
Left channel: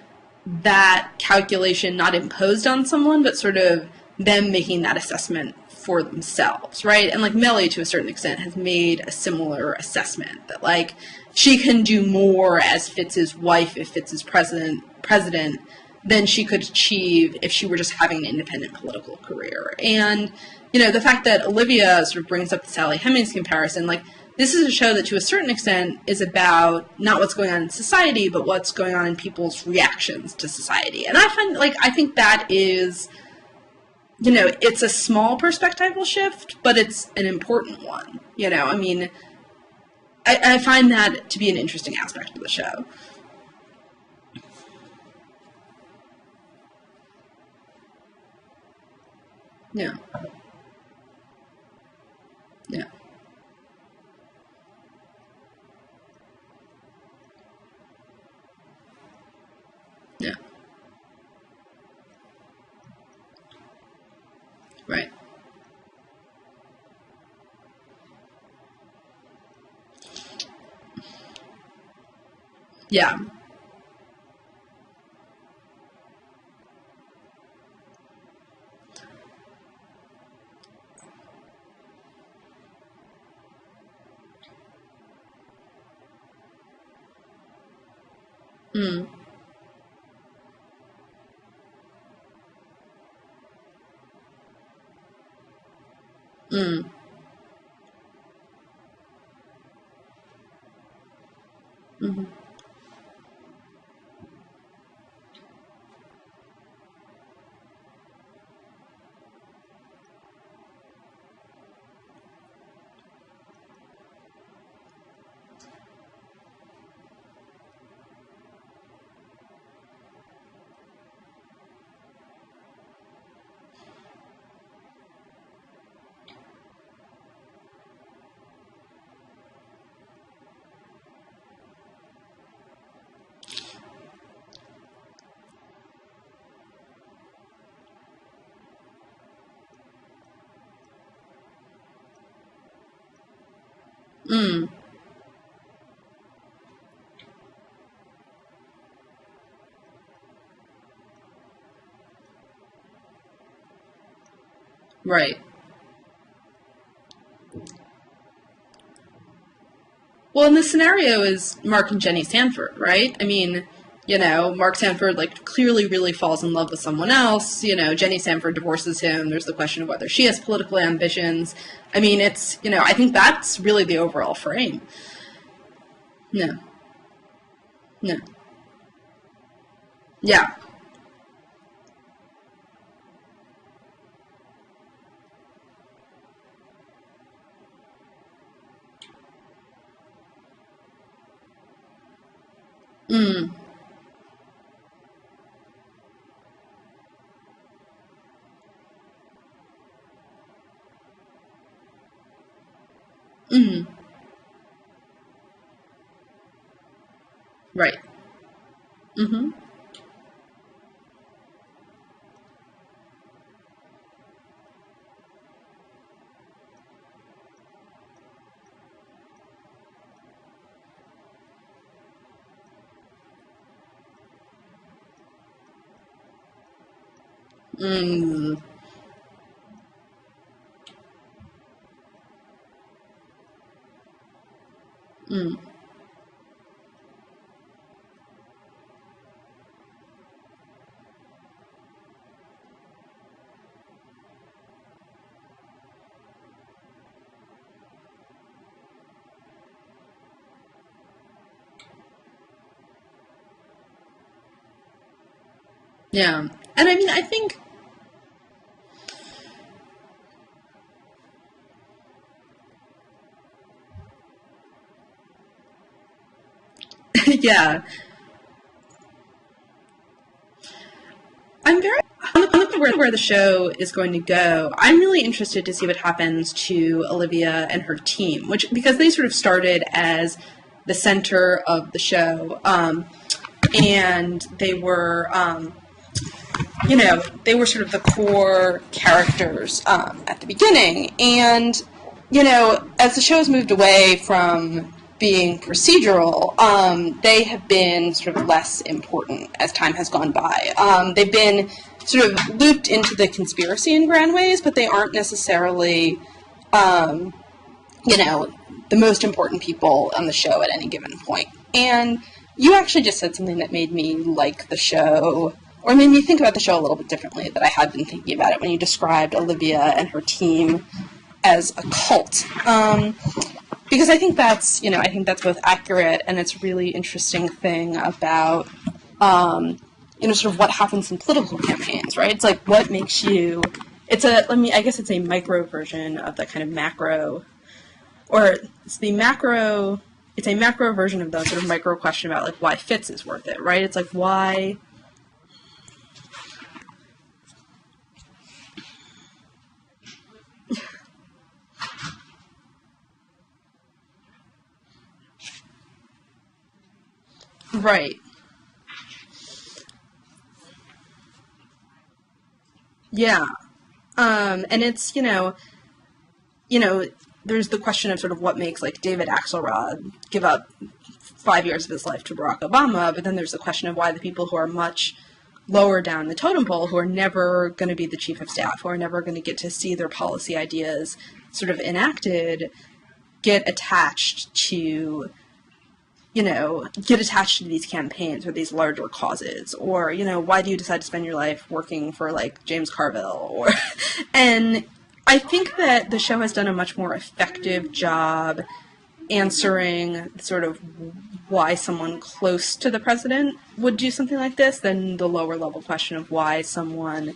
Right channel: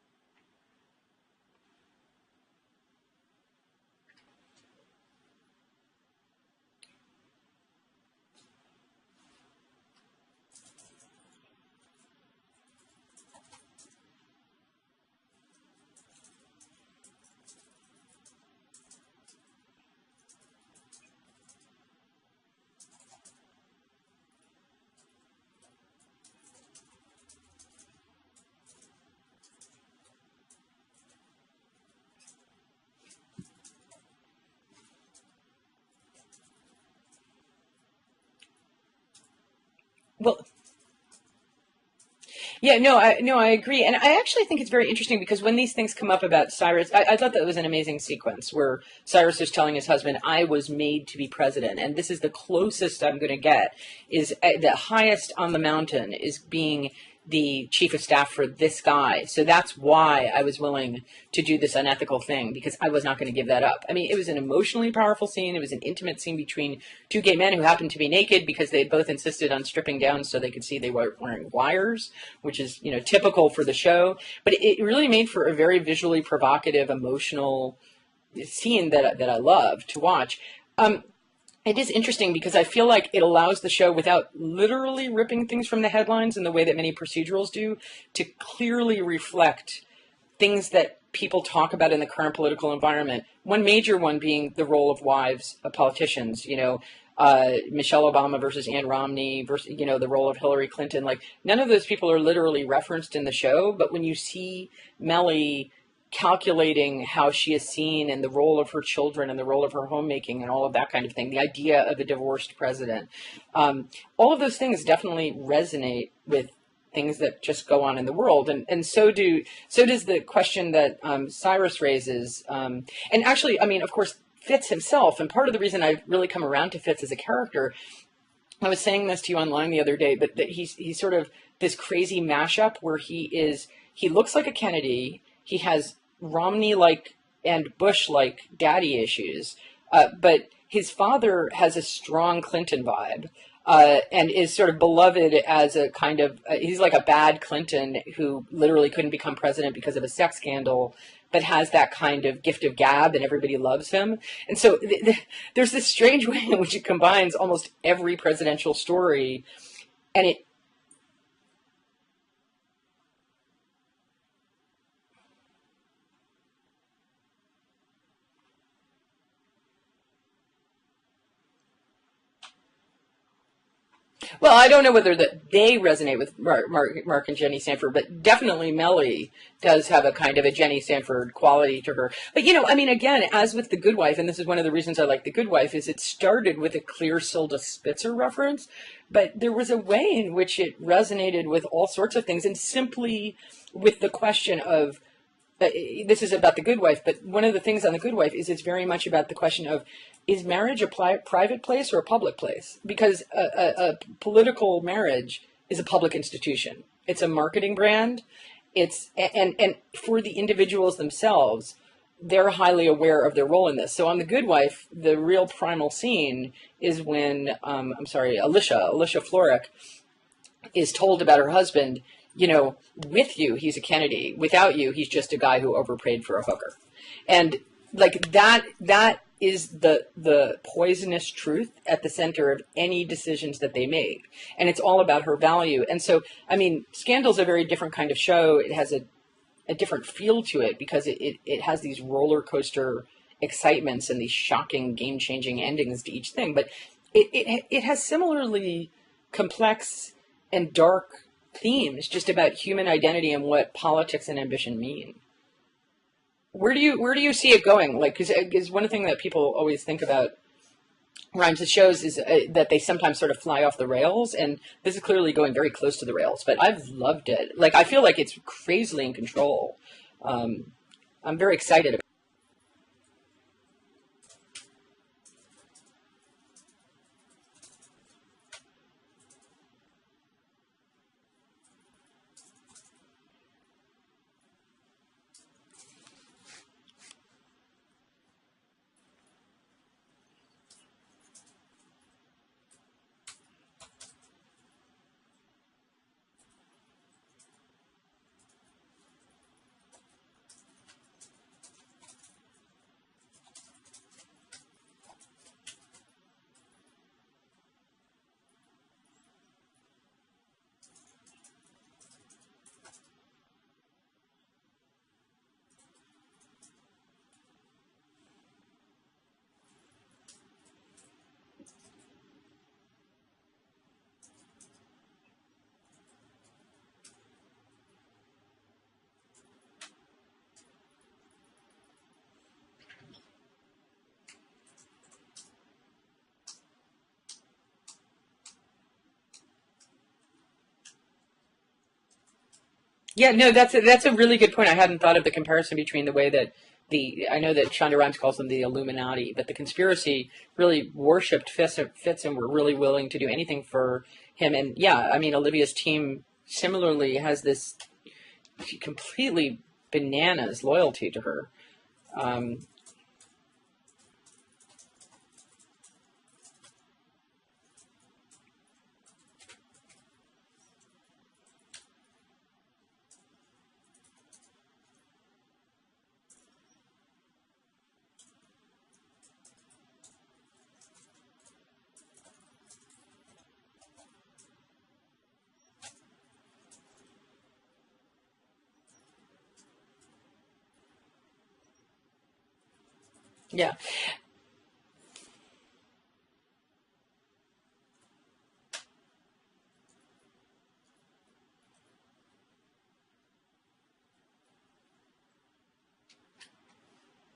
that calculation not imposed on someone, but sort of them making that assessment for themselves, right? And Melly, to a certain extent, has made a similar assessment that she can do more as Fitz's wife if Fitz is president than she could achieve if she were just having an independent political career. And the fact that Olivia sort of brings up the Sally Hemings comparison, this is a show that to a certain extent is about not what's going on in society, but what's going on in people's reactions to society. And I think that is, it's a small perspectival shift, but it's an important one. I find that to be an interesting aspect of the show. Yeah, I agree. And I actually think it's very interesting because when these things come up about Cyrus, I thought that was an amazing sequence where Cyrus is telling his husband, I was made to be president, and this is the closest I'm going to get, is the highest on the mountain is being the chief of staff for this guy. So that's why I was willing to do this unethical thing, because I was not going to give that up. I mean, it was an emotionally powerful scene. It was an intimate scene between two gay men who happened to be naked because they both insisted on stripping down so they could see they were wearing wires, which is typical for the show. But it really made for a very visually provocative, emotional scene that I love to watch. It is interesting because I feel like it allows the show, without literally ripping things from the headlines in the way that many procedurals do, to clearly reflect things that people talk about in the current political environment. One major one being the role of wives of politicians, Michelle Obama versus Ann Romney versus, the role of Hillary Clinton. None of those people are literally referenced in the show, but when you see Melly calculating how she is seen and the role of her children and the role of her homemaking and all of that kind of thing, the idea of a divorced president, all of those things definitely resonate with things that just go on in the world, and so does the question that Cyrus raises, and actually, I mean, of course, Fitz himself, and part of the reason I've really come around to Fitz as a character, I was saying this to you online the other day, but that he's sort of this crazy mashup where he looks like a Kennedy, he has Romney-like and Bush-like daddy issues, but his father has a strong Clinton vibe, and is sort of beloved as a kind of, he's like a bad Clinton who literally couldn't become president because of a sex scandal, but has that kind of gift of gab and everybody loves him. And so there's this strange way in which it combines almost every presidential story. And well, and the scenario is Mark and Jenny Sanford, right? I mean, you know, Mark Sanford, like, clearly really falls in love with someone else. You know, Jenny Sanford divorces him. There's the question of whether she has political ambitions. I mean, it's, you know, I think that's really the overall frame. Well, I don't know whether that they resonate with Mark and Jenny Sanford, but definitely Mellie does have a kind of a Jenny Sanford quality to her. But, you know, I mean, again, as with The Good Wife, and this is one of the reasons I like The Good Wife, is it started with a clear Silda Spitzer reference, but there was a way in which it resonated with all sorts of things, and simply with the question of, this is about The Good Wife, but one of the things on The Good Wife is it's very much about the question of, is marriage a private place or a public place? Because a political marriage is a public institution. It's a marketing brand. It's and for the individuals themselves, they're highly aware of their role in this. So on The Good Wife, the real primal scene is when, Alicia Florrick is told about her husband, you know, with you, he's a Kennedy. Without you, he's just a guy who overpaid for a hooker. And like that is the poisonous truth at the center of any decisions that they make. And it's all about her value. And so, I mean, Scandal's a very different kind of show. It has a different feel to it because it has these roller coaster excitements and these shocking, game-changing endings to each thing. But it has similarly complex and dark themes just about human identity and what politics and ambition mean. Yeah. Where do you see it going? Like, because one thing that people always think about Rhimes' shows is that they sometimes sort of fly off the rails, and this is clearly going very close to the rails. But I've loved it. Yeah. Like, I feel like it's crazily in control. I'm very excited. Where the show is going to go, I'm really interested to see what happens to Olivia and her team, because they sort of started as the center of the show, and they were. You know, they were sort of the core characters at the beginning. And, you know, as the show has moved away from being procedural, they have been sort of less important as time has gone by. They've been sort of looped into the conspiracy in grand ways, but they aren't necessarily, you know, the most important people on the show at any given point. And you actually just said something that made me like the show, or made me think about the show a little bit differently that I had been thinking about it when you described Olivia and her team as a cult. Because I think that's, you know, I think that's both accurate and it's a really interesting thing about, you know, sort of what happens in political campaigns, right? It's like, what makes you, I guess it's a micro version of that kind of macro, or it's a macro version of the sort of micro question about like why Fitz is that's right? That's like, a really good point. I hadn't thought of the comparison between the way that I know that Shonda Rhimes calls them the Illuminati, but the conspiracy really worshipped Fitz and were really willing to do anything for him. And yeah, I mean, Olivia's team similarly has this completely bananas loyalty to her. And it's, you know, there's the question of sort of what makes like David Axelrod give up 5 years of his life to Barack Obama, but then there's the question of why the people who are much lower down the totem pole, who are never going to be the chief of staff, who are never going to get to see their policy ideas sort of enacted, get attached to these campaigns or these larger causes, or, you know, why do you decide to spend your life working for like James Carville? Or, and I think that the show has done a much more effective job answering sort of why someone close to the president would do something like this than the lower level question of why someone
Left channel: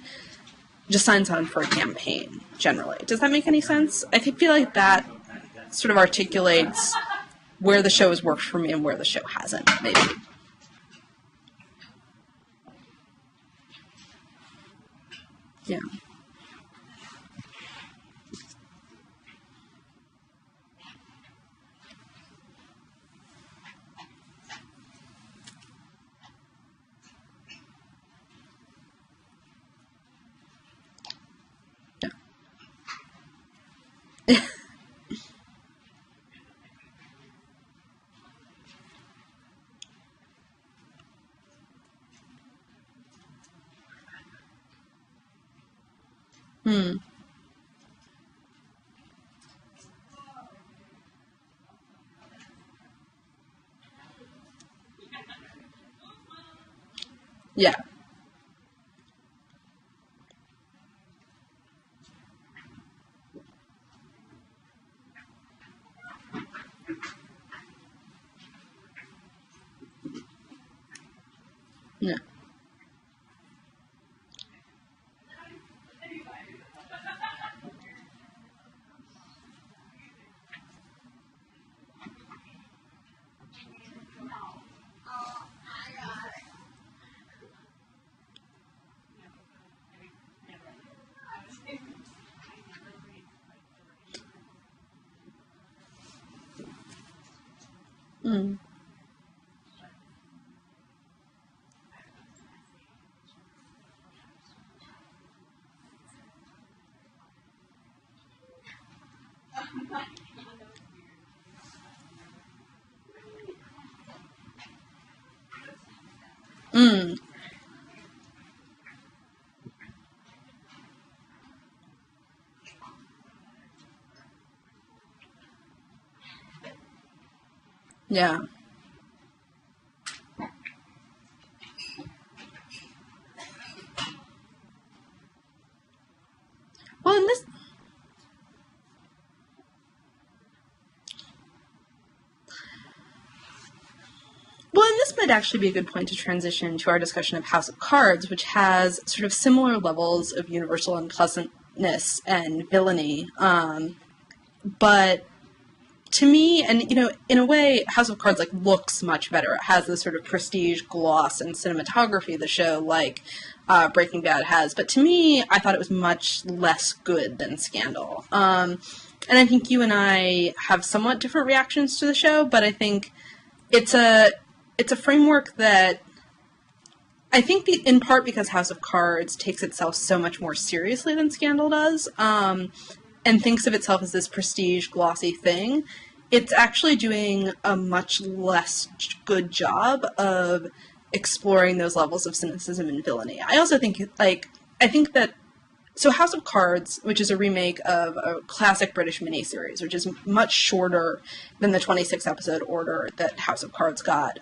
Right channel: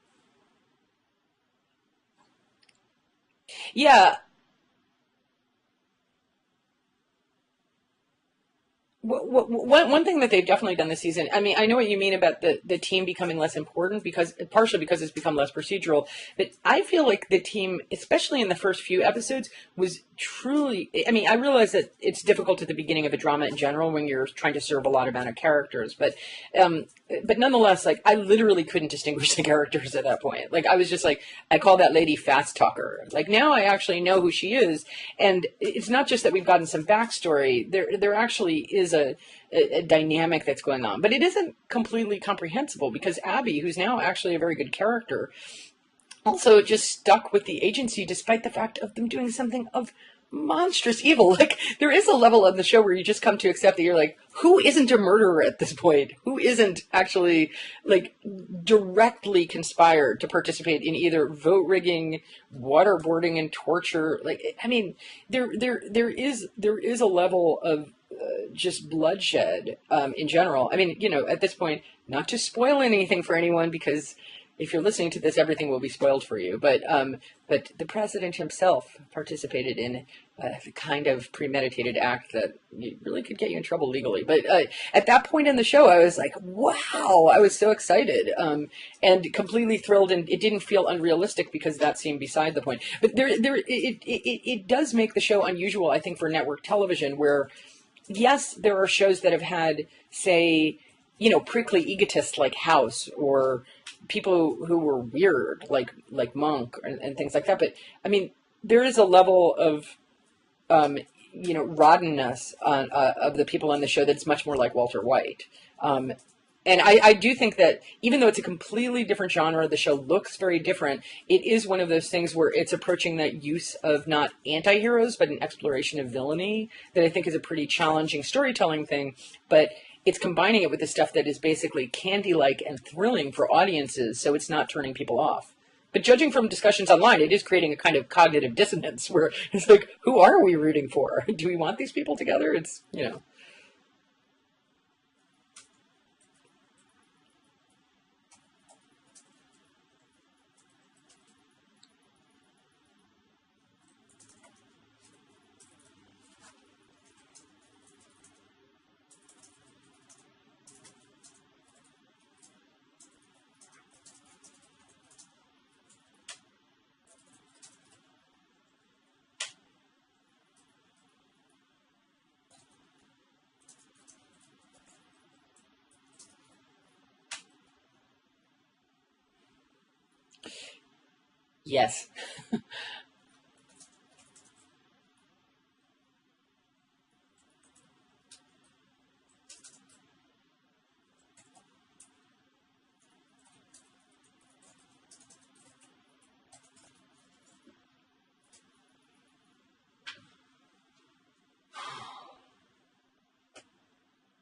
just signs on for a campaign generally. Does that make any sense? Yeah. I feel like that sort of articulates where the show has worked for me and where the show hasn't. One thing that they've definitely done this season, I mean, I know what you mean about the team becoming less important, because partially because it's become less procedural, but I feel like the team, especially in the first few episodes, was truly, I mean, I realize that it's difficult at the beginning of a drama in general when you're trying to serve a lot amount of characters, but nonetheless, like, I literally couldn't distinguish the characters at that point. Like, I was just like, I call that lady Fast Talker. Like, now I actually know who she is, and it's not just that we've gotten some backstory. There actually is a dynamic that's going on, but it isn't completely comprehensible, because Abby, who's now actually a very good character, also just stuck with the agency despite the fact of them doing something of monstrous evil. Like, there is a level of the show where you just come to accept that you're like, who isn't a murderer at this point? Who isn't actually like directly conspired to participate in either vote rigging, waterboarding, and torture? Like, I mean, there is a level of just bloodshed in general. I mean, you know, at this point, not to spoil anything for anyone, because if you're listening to this, everything will be spoiled for you. But the president himself participated in a kind of premeditated act that really could get you in trouble legally. But at that point in the show, I was like, wow, I was so excited and completely thrilled. And it didn't feel unrealistic, because that seemed beside the point. But it does make the show unusual, I think, for network television, where, yes, there are shows that have had, say, you know, prickly egotists like House, or people who were weird like Monk, and things like that. But I mean, there is a level of you know, rottenness of the people on the show that's much more like Walter White. And I do think that even though it's a completely different genre, the show looks very different. It is one of those things where it's approaching that use of not anti-heroes, but an exploration of villainy, that I think is a pretty challenging storytelling thing. But it's combining it with the stuff that is basically candy-like and thrilling for audiences, so it's not turning people off. But judging from discussions online, it is creating a kind of cognitive dissonance where it's like, who are we rooting for? Do we want these people together? It's, you know. Well, and this might actually be a good point to transition to our discussion of House of Cards, which has sort of similar levels of universal unpleasantness and villainy. But to me, and, you know, in a way, House of Cards, like, looks much better. It has this sort of prestige gloss and cinematography of the show, like Breaking Bad has. But to me, I thought it was much less good than Scandal. And I think you and I have somewhat different reactions to the show, but I think it's a framework that I think in part because House of Cards takes itself so much more seriously than Scandal does, and thinks of itself as this prestige, glossy thing, it's actually doing a much less good job of exploring those levels of cynicism and villainy. I also think, so House of Cards, which is a remake of a classic British miniseries, which is much shorter than the 26-episode order that House of Cards got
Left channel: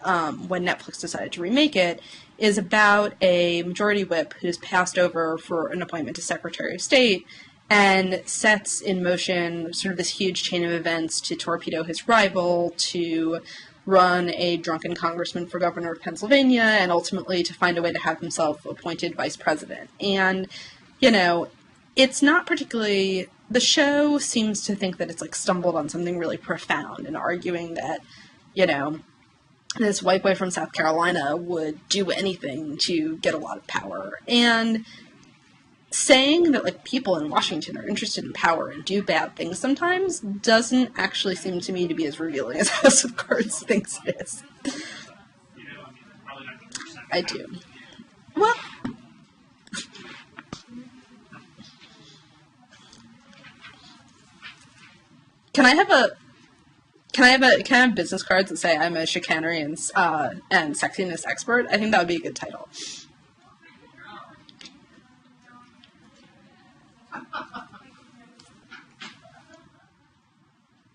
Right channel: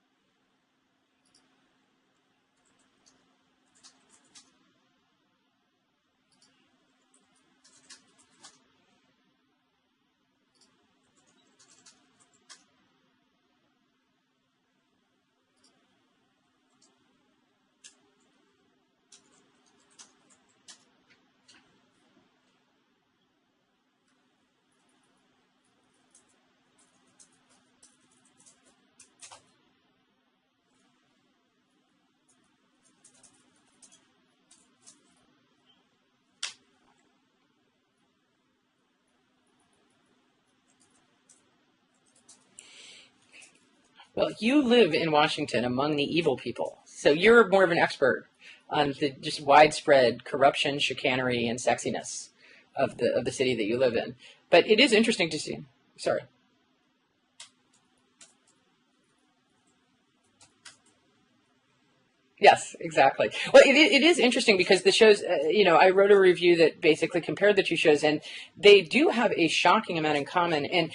when Netflix decided to remake it, is about a majority whip who's passed over for an appointment to Secretary of State and sets in motion sort of this huge chain of events to torpedo his rival, to run a drunken congressman for governor of Pennsylvania, and ultimately to find a way to have himself appointed vice president. And, you know, it's not particularly... The show seems to think that it's, like, stumbled on something really profound in arguing that, you know, this white boy from South Carolina would do anything to get a lot of power. And saying that, like, people in Washington are interested in power and do bad things sometimes doesn't actually seem to me to be as revealing as House of Cards thinks it is. Well, you live in Washington among the evil people, so you're more of an expert on the just widespread corruption, chicanery, and sexiness of the city that you live in. But it is interesting to see. Can I have business cards that say I'm a chicanery and sexiness expert? I think that would be a good title. Yes, exactly. Well, it is interesting because the shows, you know, I wrote a review that basically compared the two shows, and they do have a shocking amount in common. And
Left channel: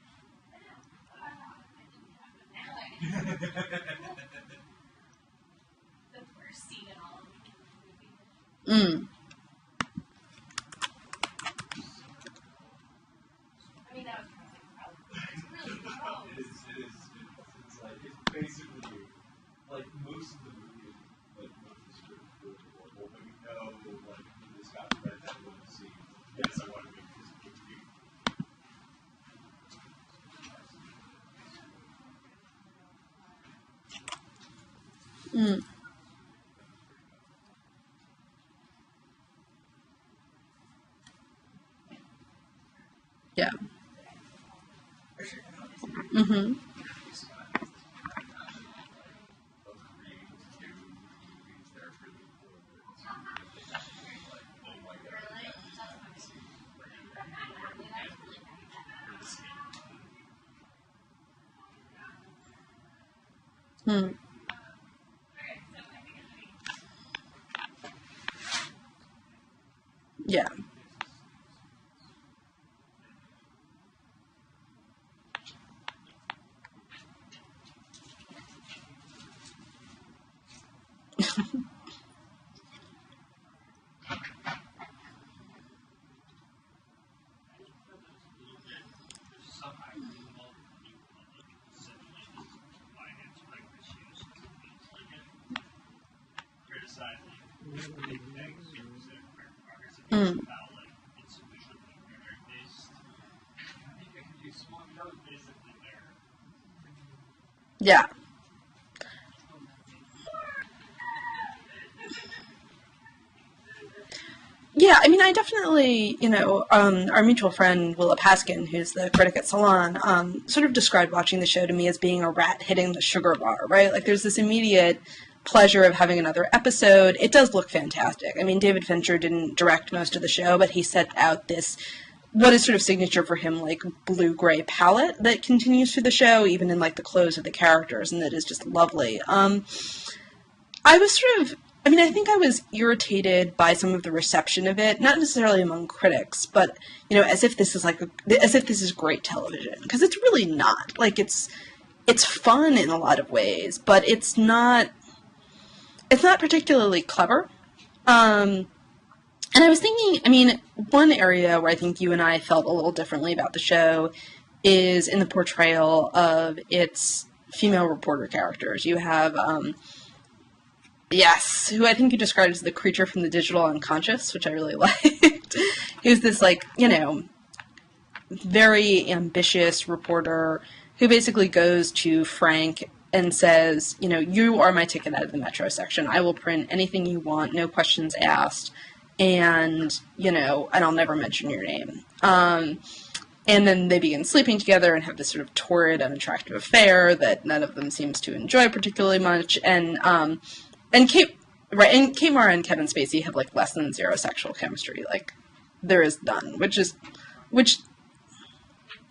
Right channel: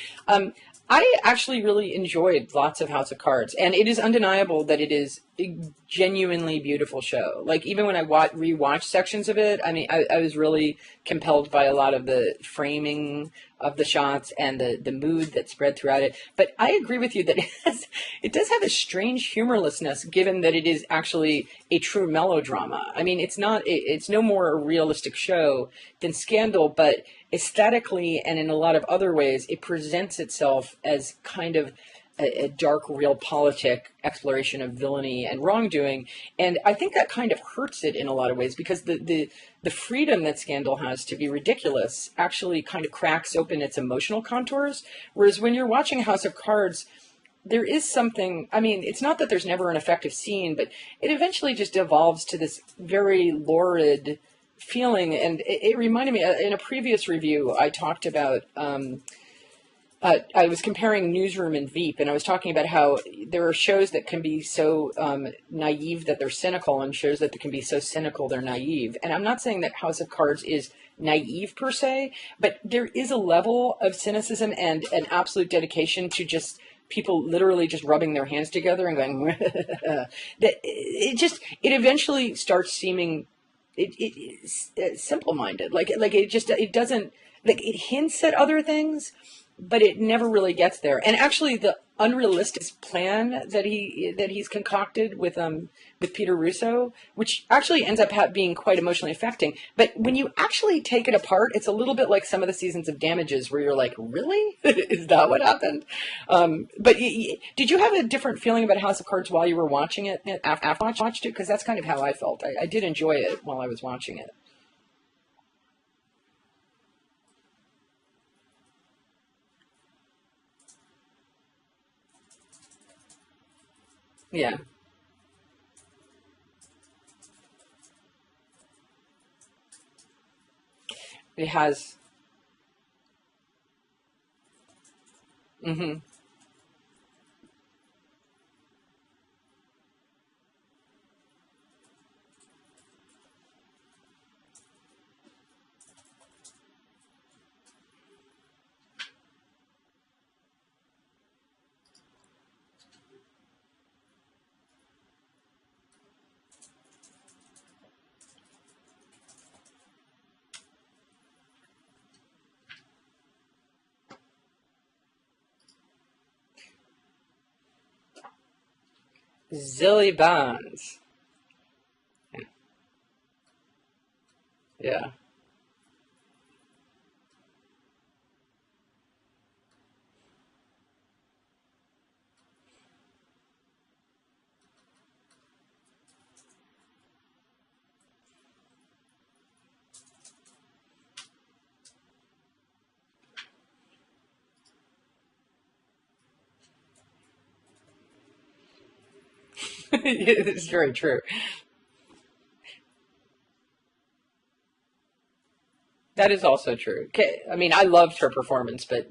I actually really enjoyed lots of House of Cards, and it is undeniable that it is a genuinely beautiful show. Like, even when I rewatched sections of it, I mean, I was really compelled by a lot of the framing of the shots and the mood that spread throughout it. But I agree with you that it does have a strange humorlessness, given that it is actually a true melodrama. I mean, it's no more a realistic show than Scandal, but aesthetically and in a lot of other ways, it presents itself as kind of a dark realpolitik exploration of villainy and wrongdoing, and I think that kind of hurts it in a lot of ways, because the freedom that Scandal has to be ridiculous actually kind of cracks open its emotional contours, whereas when you're watching House of Cards, there is something, I mean, it's not that there's never an effective scene, but it eventually just devolves to this very lurid feeling. And it reminded me, in a previous review, I talked about, I was comparing Newsroom and Veep, and I was talking about how there are shows that can be so naive that they're cynical, and shows that can be so cynical they're naive. And I'm not saying that House of Cards is naive per se, but there is a level of cynicism and an absolute dedication to just people literally just rubbing their hands together and going that it eventually starts seeming it's simple-minded, like it doesn't, like, it hints at other things, but it never really gets there. And actually the unrealistic plan that he's concocted with Peter Russo, which actually ends up being quite emotionally affecting. But when you actually take it apart, it's a little bit like some of the seasons of Damages, where you're like, really? Is that what happened? But did you have a different feeling about House of Cards while you were watching it, after you watched it? Because that's kind of how I felt. I did enjoy it while I was watching it. Yeah, I mean, I definitely, our mutual friend, Willa Paskin, who's the critic at Salon, sort of described watching the show to me as being a rat hitting the sugar bar, right? Like, there's this immediate pleasure of having another episode. It does look fantastic. I mean, David Fincher didn't direct most of the show, but he set out what is sort of signature for him, like, blue-gray palette that continues through the show, even in, like, the clothes of the characters, and that is just lovely. I was sort of... I mean, I think I was irritated by some of the reception of it, not necessarily among critics, but, as if this is great television, because it's really not. Like, it's fun in a lot of ways, but it's not particularly clever. And I was thinking, I mean, one area where I think you and I felt a little differently about the show is in the portrayal of its female reporter characters. You have Zilly Bonds. Yes, who I think you described as the creature from the digital unconscious, which I really liked. Who's this, like, very ambitious reporter who basically goes to Frank and says, you are my ticket out of the Metro section. I will print anything you want, no questions asked, and I'll never mention your name. And then they begin sleeping together and have this sort of torrid, unattractive affair that none of them seems to enjoy particularly much. And it's very true. Kate Mara and Kevin Spacey have, like, less than zero sexual chemistry. Like, there is that is also true. I mean, I loved her performance, but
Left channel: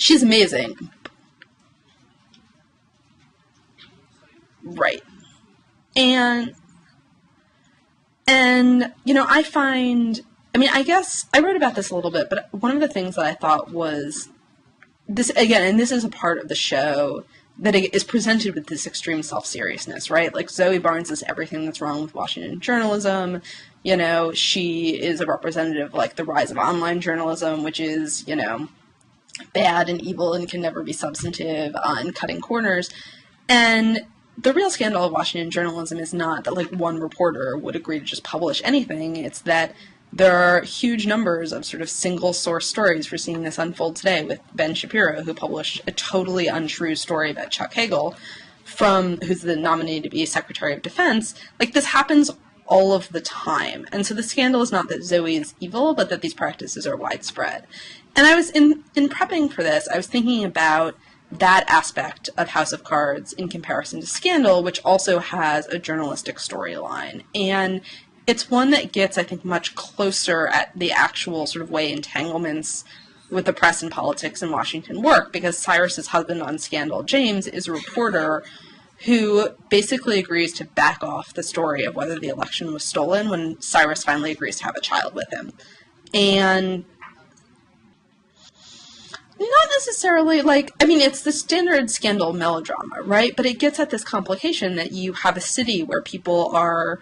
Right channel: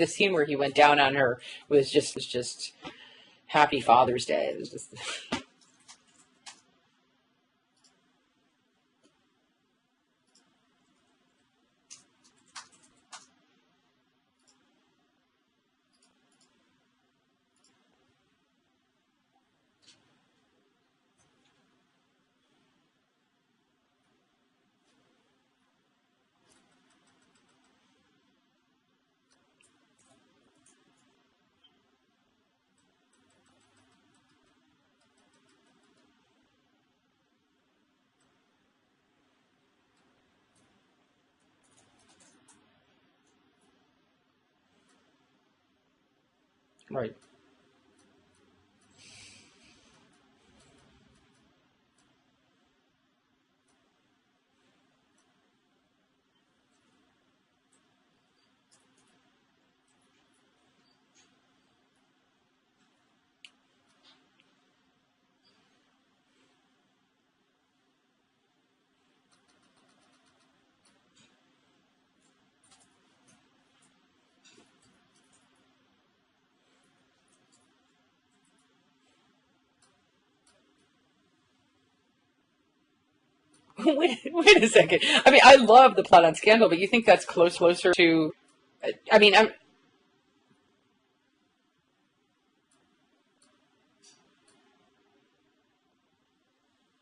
she's amazing. Went down on her was just Happy Father's Day. Right. And I find. I mean, I guess I wrote about this a little bit, but one of the things that I thought was this, again, and this is a part of the show, that it is presented with this extreme self-seriousness, right? Like, Zoe Barnes is everything that's wrong with Washington journalism. She is a representative of, like, the rise of online journalism, which is, bad and evil and can never be substantive and cutting corners. And the real scandal of Washington journalism is not that, like, one reporter would agree to just publish anything. It's that there are huge numbers of sort of single-source stories. We're seeing this unfold today with Ben Shapiro, who published a totally untrue story about Chuck Hagel, who's the nominee to be Secretary of Defense. Like, this happens all of the time. And so the scandal is not that Zoe is evil, but that these practices are widespread. And I was, in prepping for this, I was thinking about that aspect of House of Cards in comparison to Scandal, which also has a journalistic storyline. And it's one that gets, I think, much closer at the actual sort of way entanglements with the press and politics in Washington work, because Cyrus's husband on Scandal, James, is a reporter who basically agrees to back off the story of whether the election was stolen when Cyrus finally agrees to have a child with I mean, I love the plot on Scandal, but you think that's closer to... I mean, not necessarily, like, I mean, it's the standard Scandal melodrama, right? But it gets at this complication that you have a city where people are...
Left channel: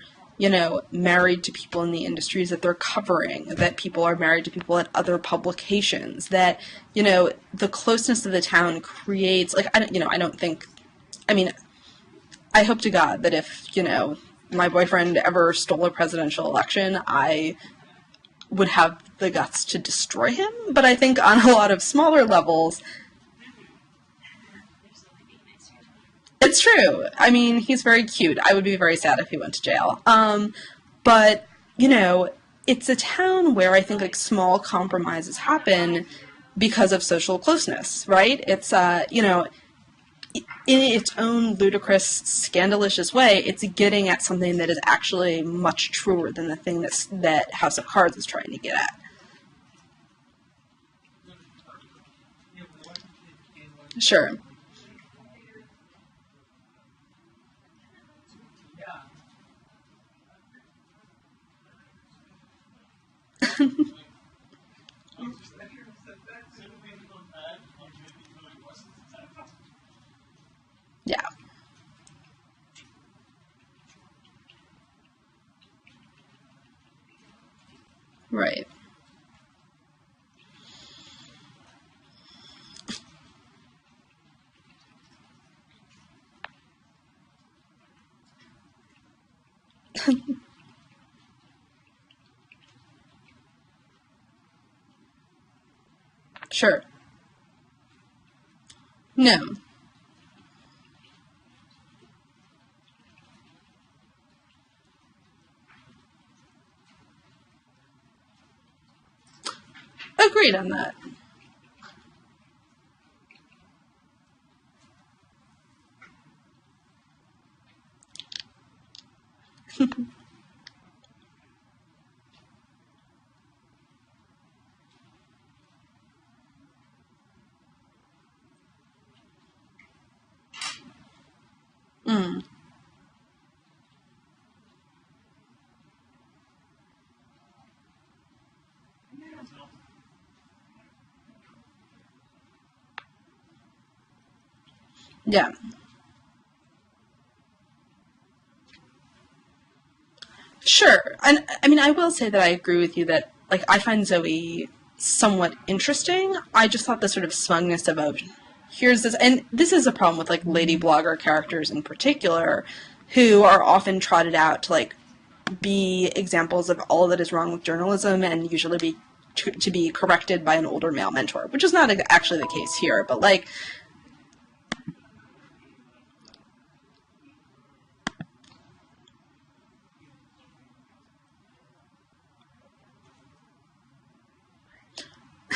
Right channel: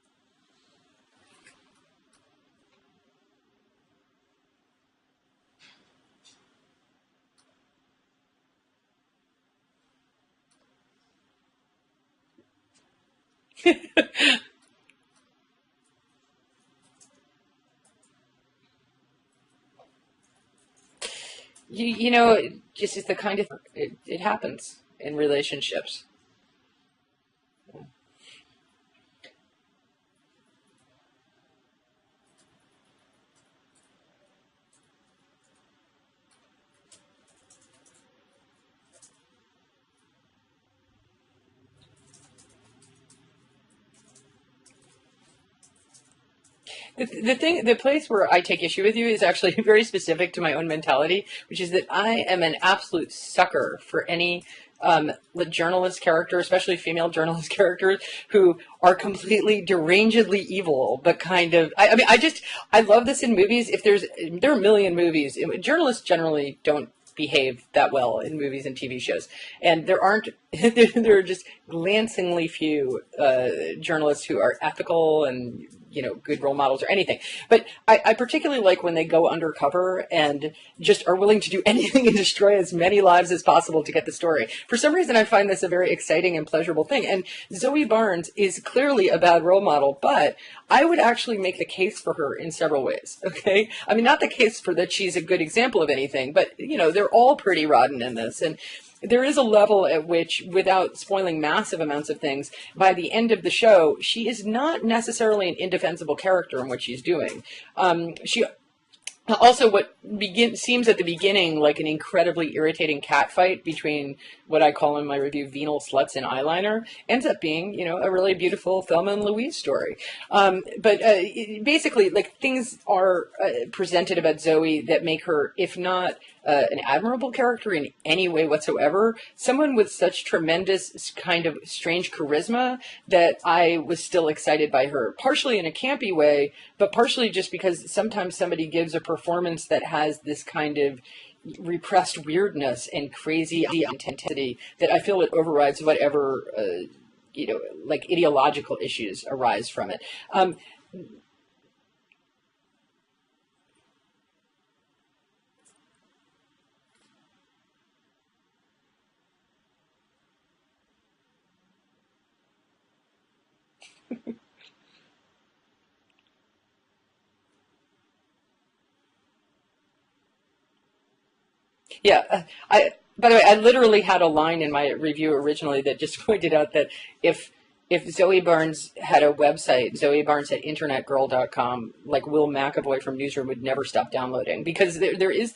married to people in the industries that they're covering, that people are married to people at other publications, that, the closeness of the town creates, like, I hope to God that if, my boyfriend ever stole a presidential election, I would have the guts to destroy him. But I think on a lot of smaller levels... This is the kind of... It happens. in relationships. It's true. I mean, he's very cute. I would be very sad if he went to jail. But, you know, it's a town where I think, like, small compromises happen because of social closeness, right? It's, you know, in its own ludicrous, scandalous way, it's getting at something that is actually much truer than the thing that's the place where I take issue with you is actually very specific to my own mentality, which is that I am an absolute sucker for any journalist character, especially female journalist characters, who are completely derangedly evil, but kind of. I mean, I love this in movies. There are a million movies. Journalists generally don't behave that well in movies and TV shows, and there are just glancingly few journalists who are ethical and good role models or anything. But I particularly like when they go undercover and just are willing to do anything and destroy as many lives as possible to get the story. For some reason, I find this a very exciting and pleasurable thing. And Zoe Barnes is clearly a bad role model, but I would actually make the case for her in several ways. Okay, I mean, not the case for that she's a good example of anything, but they're all pretty rotten in this. And there is a level at which, without spoiling massive amounts of things, by the end of the show, she is not necessarily an indefensible character in what she's doing. She also, what seems at the beginning like an incredibly irritating catfight between what I call in my review venal sluts and eyeliner ends up being, a really beautiful Thelma and Louise story. But basically, like, things are presented about Zoe that make her, if not an admirable character in any way whatsoever, someone with such tremendous kind of strange charisma that I was still excited by her, partially in a campy way, but partially just because sometimes somebody gives a performance that has this kind of repressed weirdness and crazy intensity that I feel it overrides whatever like ideological issues arise from it. Sure. And I mean, I will say that I agree with you that, like, I find Zoe somewhat interesting. I just thought the sort of smugness of here's this, and this is a problem with, like, lady blogger characters in particular, who are often trotted out to, like, be examples of all that is wrong with journalism and usually to be corrected by an older male mentor, which is not actually the case here. But like, I literally had a line in my review originally that just pointed out that if Zoe Barnes had a website, Zoe Barnes at internetgirl.com, like, Will McAvoy from Newsroom would never stop downloading, because there is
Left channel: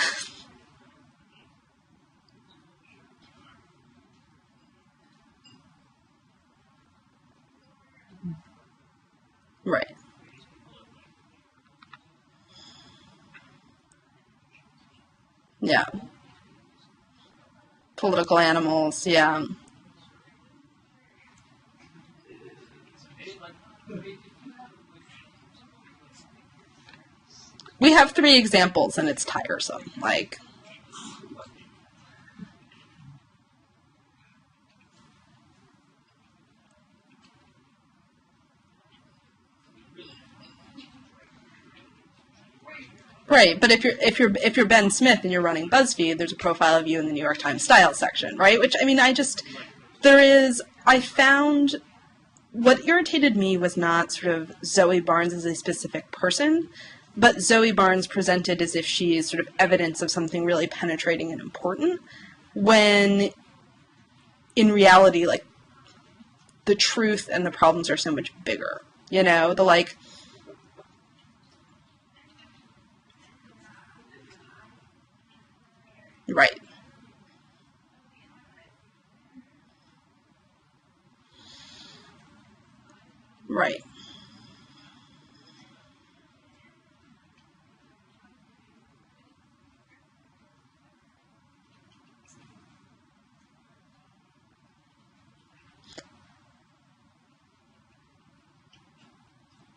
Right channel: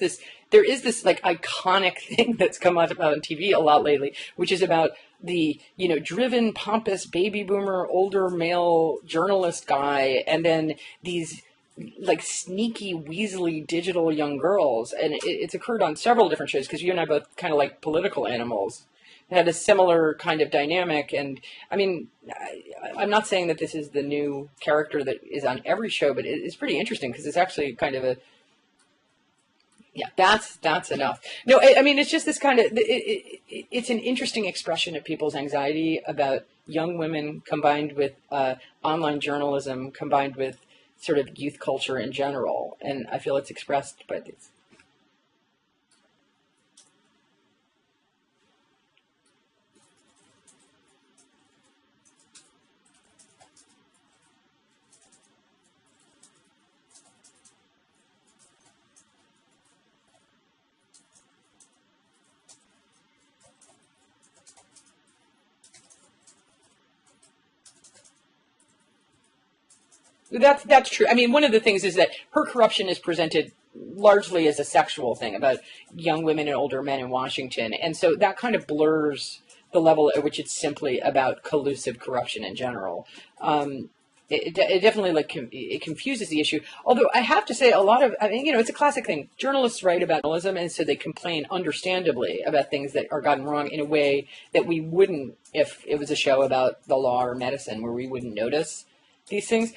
this like iconic thing that's come out on TV a lot lately, which is about the driven, pompous baby boomer older male journalist guy, and then these like sneaky, weaselly digital young girls, and it's occurred on several different shows, because you and I both kind of like political animals. Had a similar kind of dynamic. And I mean, I'm not saying that this is the new character that is on every show, but it's pretty interesting because it's actually we have 3 examples and it's tiresome. Like, that's enough. No, I mean, it's just this kind of it's an interesting expression of people's anxiety about young women, combined with online journalism, combined with sort of youth culture in general. And I feel but if you're Ben Smith and you're running BuzzFeed, there's a profile of you in the New York Times style section, right? Which, I mean, I found what irritated me was not sort of Zoe Barnes as a specific person, but Zoe Barnes presented as if she is sort of evidence of something really penetrating and important, when in reality, like, the truth and the problems are so much bigger. That's true. I mean, one of the things is that her corruption is presented largely as a sexual thing about young women and older men in Washington. And so that kind of blurs the level at which it's simply about collusive corruption in general. It definitely, like, it confuses the issue. Although I have to say, it's a classic thing. Journalists write about journalism, and so they complain understandably about things that are gotten wrong in a way that we wouldn't if it was a show about the law or medicine, where we wouldn't notice these things.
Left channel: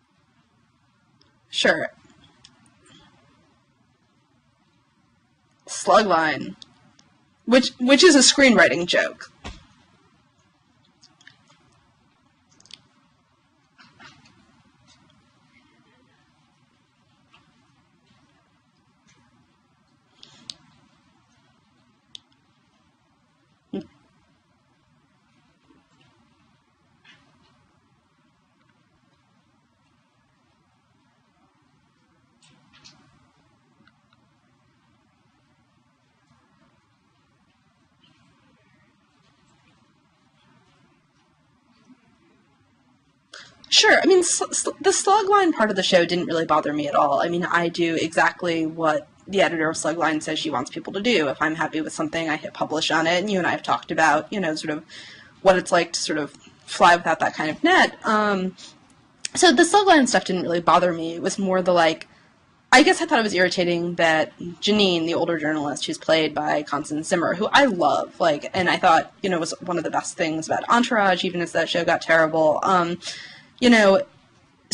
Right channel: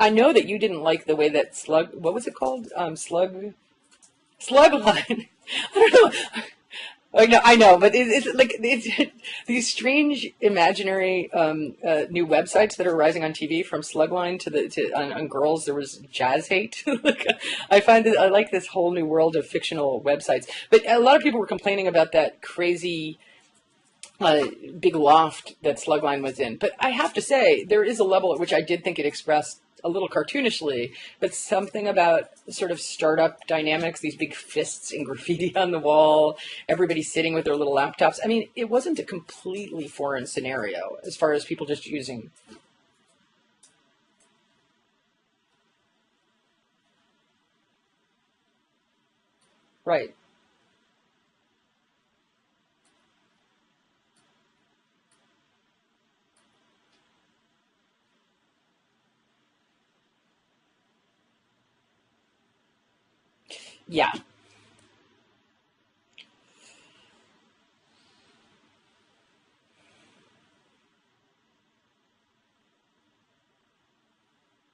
I know that you didn't like the way that what was it called? Slugline. Slugline. I know, but which is a screenwriting joke. These strange imaginary new websites that are rising on TV, from Slugline on girls. There was Jazz Hate. I find that I like this whole new world of fictional websites. But a lot of people were complaining about that crazy big loft that Slugline was in. But I have to say, there is a level at which I did think it expressed a little cartoonishly, but something about sort of startup dynamics, these big fists and graffiti on the wall, everybody sitting with their little laptops. I mean, it wasn't a completely foreign scenario as far as people just using. Sure. I mean, the slogline part of the show didn't really bother me at all. I mean, I do exactly what the editor of Slugline says she wants people to do. If I'm happy with something, I hit publish on it. And you and I have talked about, sort of what it's like to sort of fly without that kind of net. So the slugline stuff didn't really bother me. It was more the, I guess I thought it was irritating that Janine, the older journalist, who's played by Constance Zimmer, who I love, and I thought, was one of the best things about Entourage, even as that show got terrible.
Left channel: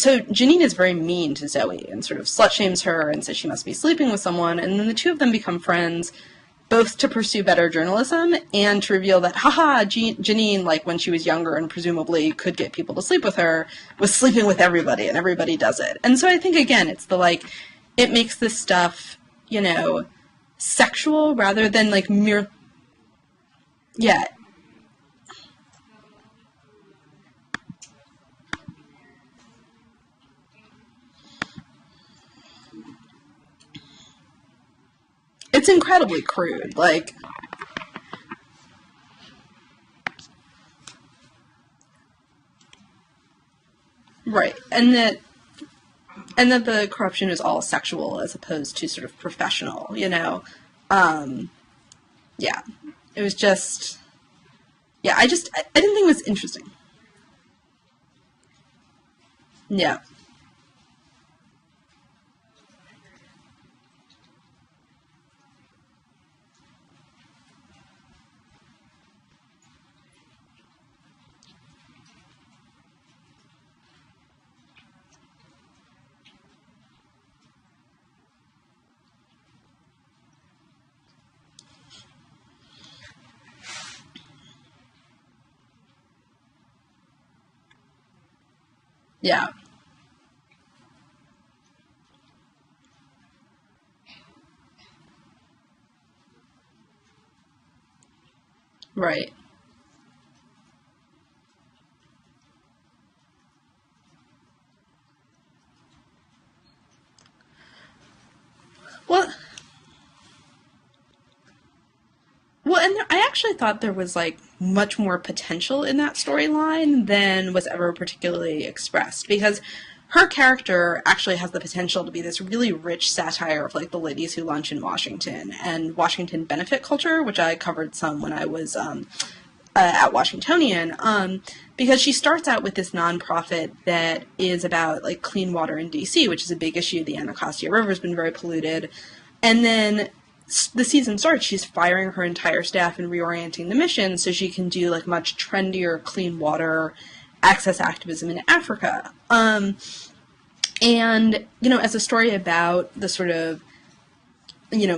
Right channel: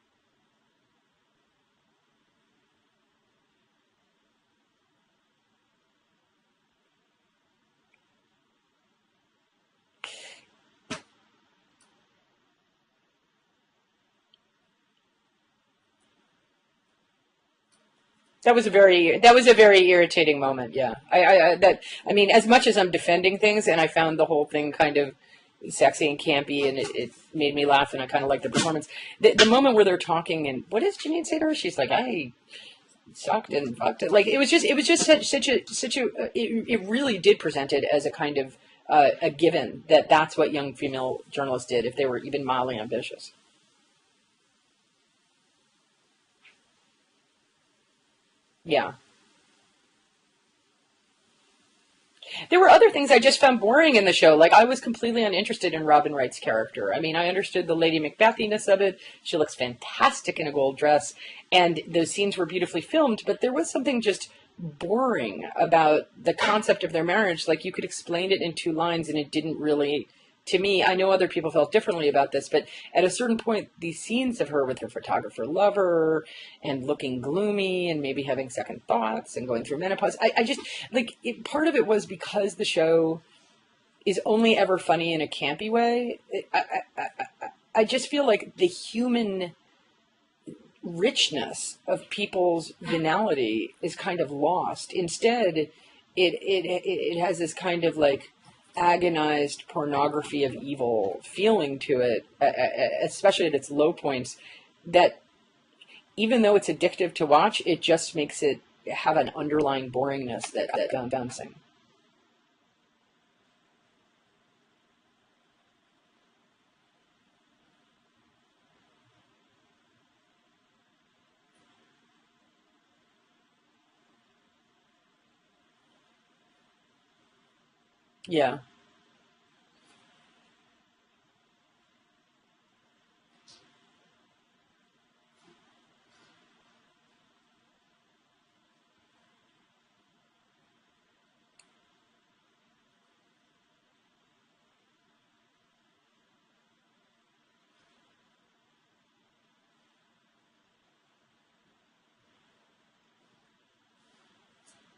So Janine is very mean to Zoe and sort of slut-shames her and says she must be sleeping with someone, and then the two of them become friends, both to pursue better journalism and to reveal that, Janine, when she was younger and presumably could get people to sleep with her, was sleeping with everybody, and everybody does it. And so I think, again, it's it makes this that was a very irritating moment. Sexual rather than, as much as I'm defending things, and I found the whole thing kind of sexy and campy, and it made me laugh, and I kind of liked the performance. The moment where they're talking, and what does Janine say to her? She's like, I sucked and fucked it. It was just such a... It's incredibly crude. It really did present it as a kind of a given that that's what young female journalists did if they were even mildly ambitious. Right. And that the corruption is all sexual as opposed to sort of professional, There were other things I just found boring in the show. I was completely uninterested in Robin Wright's character. I mean, I understood the Lady Macbethiness of it. She looks fantastic in a gold dress. And those scenes were beautifully filmed, but there was something just boring about the concept of their marriage. You could explain it in 2 lines, and it didn't really... To me, I know other people felt differently about this, but at a certain point, these scenes of her with her photographer lover and looking gloomy and maybe having second thoughts and going through menopause, I just, part of it was because the show is only ever funny in a campy way. I just feel like the human richness of people's venality is kind of lost. Instead, it has this kind of agonized pornography of evil feeling to it, especially at its low points, that even though it's addictive to watch, it just makes it have an underlying boringness that bouncing. Well, and I actually thought there was much more potential in that storyline than was ever particularly expressed, because her character actually has the potential to be this really rich satire of the ladies who lunch in Washington and Washington benefit culture, which I covered some when I was at Washingtonian, because she starts out with this nonprofit that is about clean water in DC, which is a big issue. The Anacostia River has been very polluted, and then the season starts, she's firing her entire staff and reorienting the mission so she can do much trendier clean water access activism in Africa. And, as a story about the sort of,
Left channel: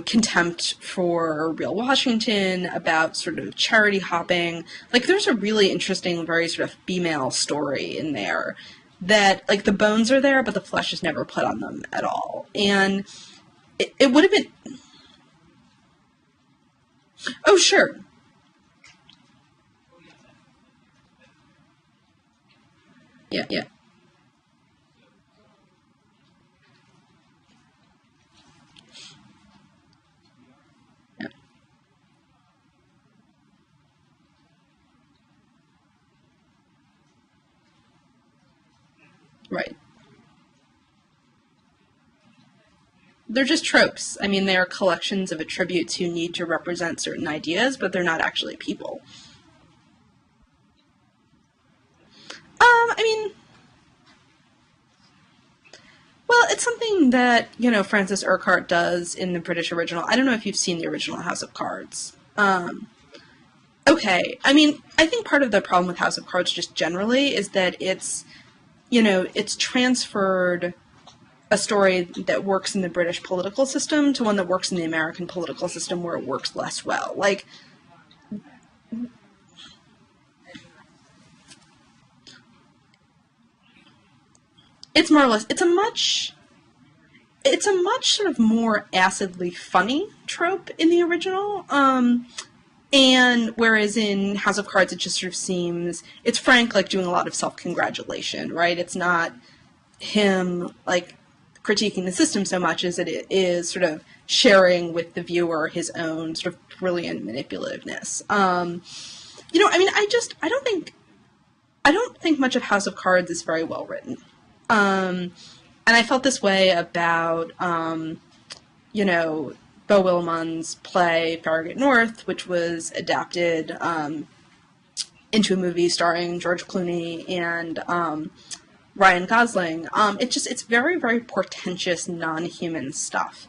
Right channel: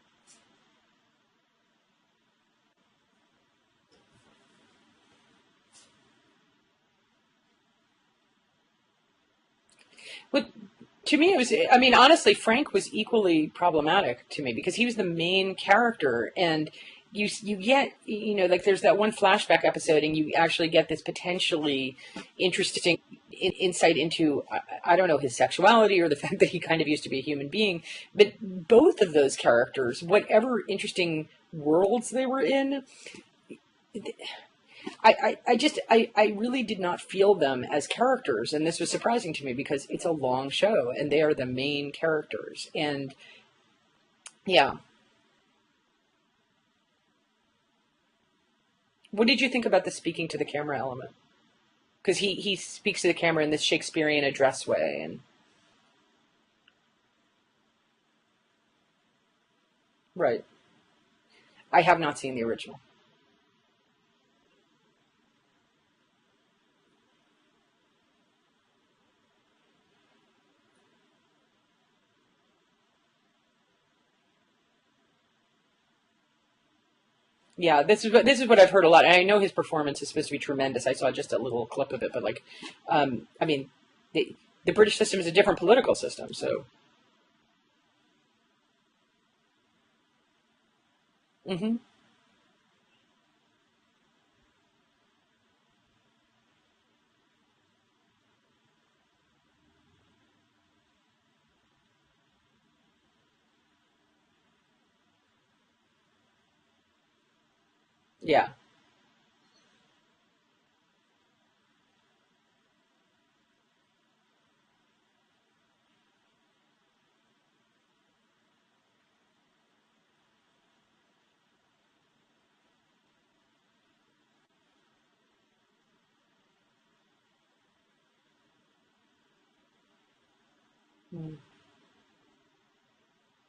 contempt for real Washington, about sort of charity hopping, there's a really interesting, very sort of female story in there that, the bones are there, but the flesh is never put on them. Honestly, Frank was equally problematic it would have been, to me, because he was the main character, and sure. There's that one flashback episode, and you actually get this potentially interesting insight into, I don't know, his sexuality or the fact that he kind of used to be a human being. But both of those characters, whatever interesting worlds they were in, I really did not feel them as characters, and this was surprising to me because it's a long show, and they are the main characters, and they're just tropes. I mean, they are collections of attributes who need to represent certain ideas, but they're not actually people. What did you think about the speaking to the camera element? Because he speaks to the camera in this Shakespearean address way, and well, it's something that Francis Urquhart does in the British original. I don't know if you've seen the original House of Cards. I have not seen the original. Okay. I mean, I think part of the problem with House of Cards just generally is that it's transferred a story that works in the British political system to one that works in the American political system where it works less well. This is what I've heard a lot. And I know his performance is supposed to be tremendous. I saw just a little clip of it, but the British system is a different political system, so. It's a much sort of more acidly funny trope in the original. Mm-hmm. And whereas in House of Cards, it just sort of seems, it's Frank doing a lot of self-congratulation, right? It's not him, like, critiquing the system so much as it is sort of sharing with the viewer his own sort of brilliant manipulativeness. Yeah. You know, I mean, I don't think much of House of Cards is very well written. And I felt this way about, you know, Beau Williamson's play Farragut North, which was adapted into a movie starring George Clooney and Ryan Gosling. It's very, very portentous, non-human stuff.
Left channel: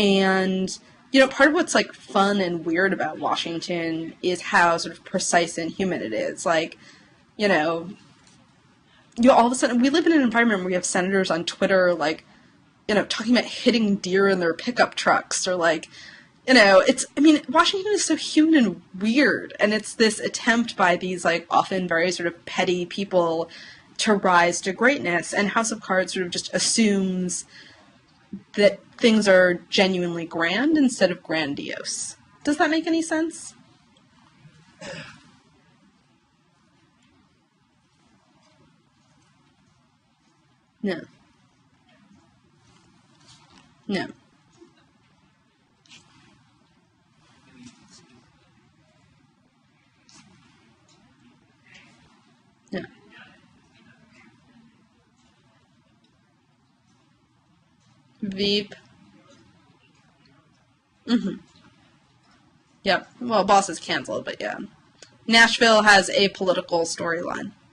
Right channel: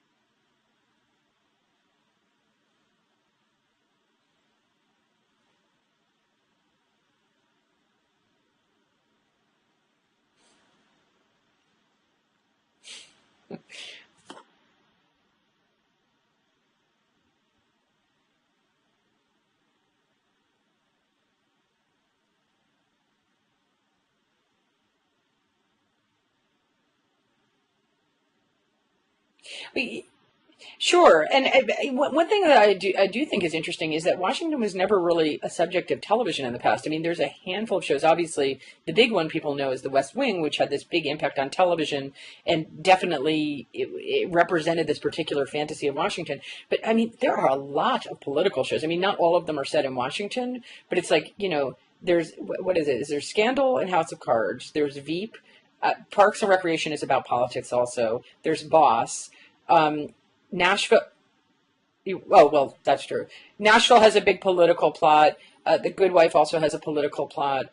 And, you know, part of what's, like, fun and weird about Washington is how sort of precise and human it is. Like, you know, all of a sudden, we live in an environment where we have senators on Twitter, like, you know, talking about hitting deer in their pickup trucks, or, like, you know, Washington is so human and weird, and it's this attempt by these, like, often very sort of petty people to rise to greatness, and House of Cards sort of just assumes that things are genuinely grand. Sure, and one thing that I do think is interesting is that Washington was never really a subject of television in the past. I mean, there's a handful of shows. Obviously, the big one people know is The West Wing, which had this big impact on television, and definitely it represented this particular fantasy of Washington. But, I mean, there are a lot of political shows. I mean, not all of them are set in Washington, but it's like, you know, there's, what is it? Is there Scandal and House of Cards? There's Veep. Parks and Recreation is about politics also. There's Boss. Nashville. Mm-hmm. Oh, well, that's true. Well, Boss Nashville has a big political plot. Nashville has a political plot.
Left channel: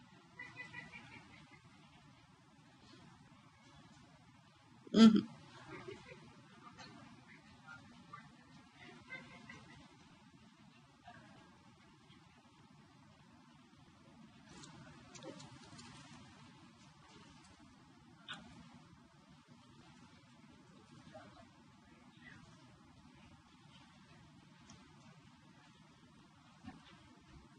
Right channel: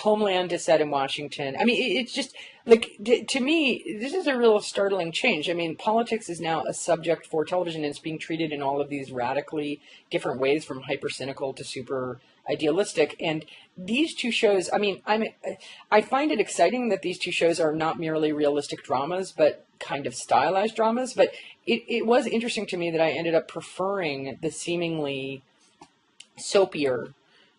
Homeland is set in Washington. I mean, it's just, like, to me, this is a real startling change. I mean, politics is now a subject for television, and it's being treated in all of these radically different ways, from hyper cynical to super idealistic. And these two shows, I mean, I find it exciting that these two shows are not merely realistic dramas, but kind of stylized dramas. But it was interesting to me that I ended up preferring the seemingly soapier,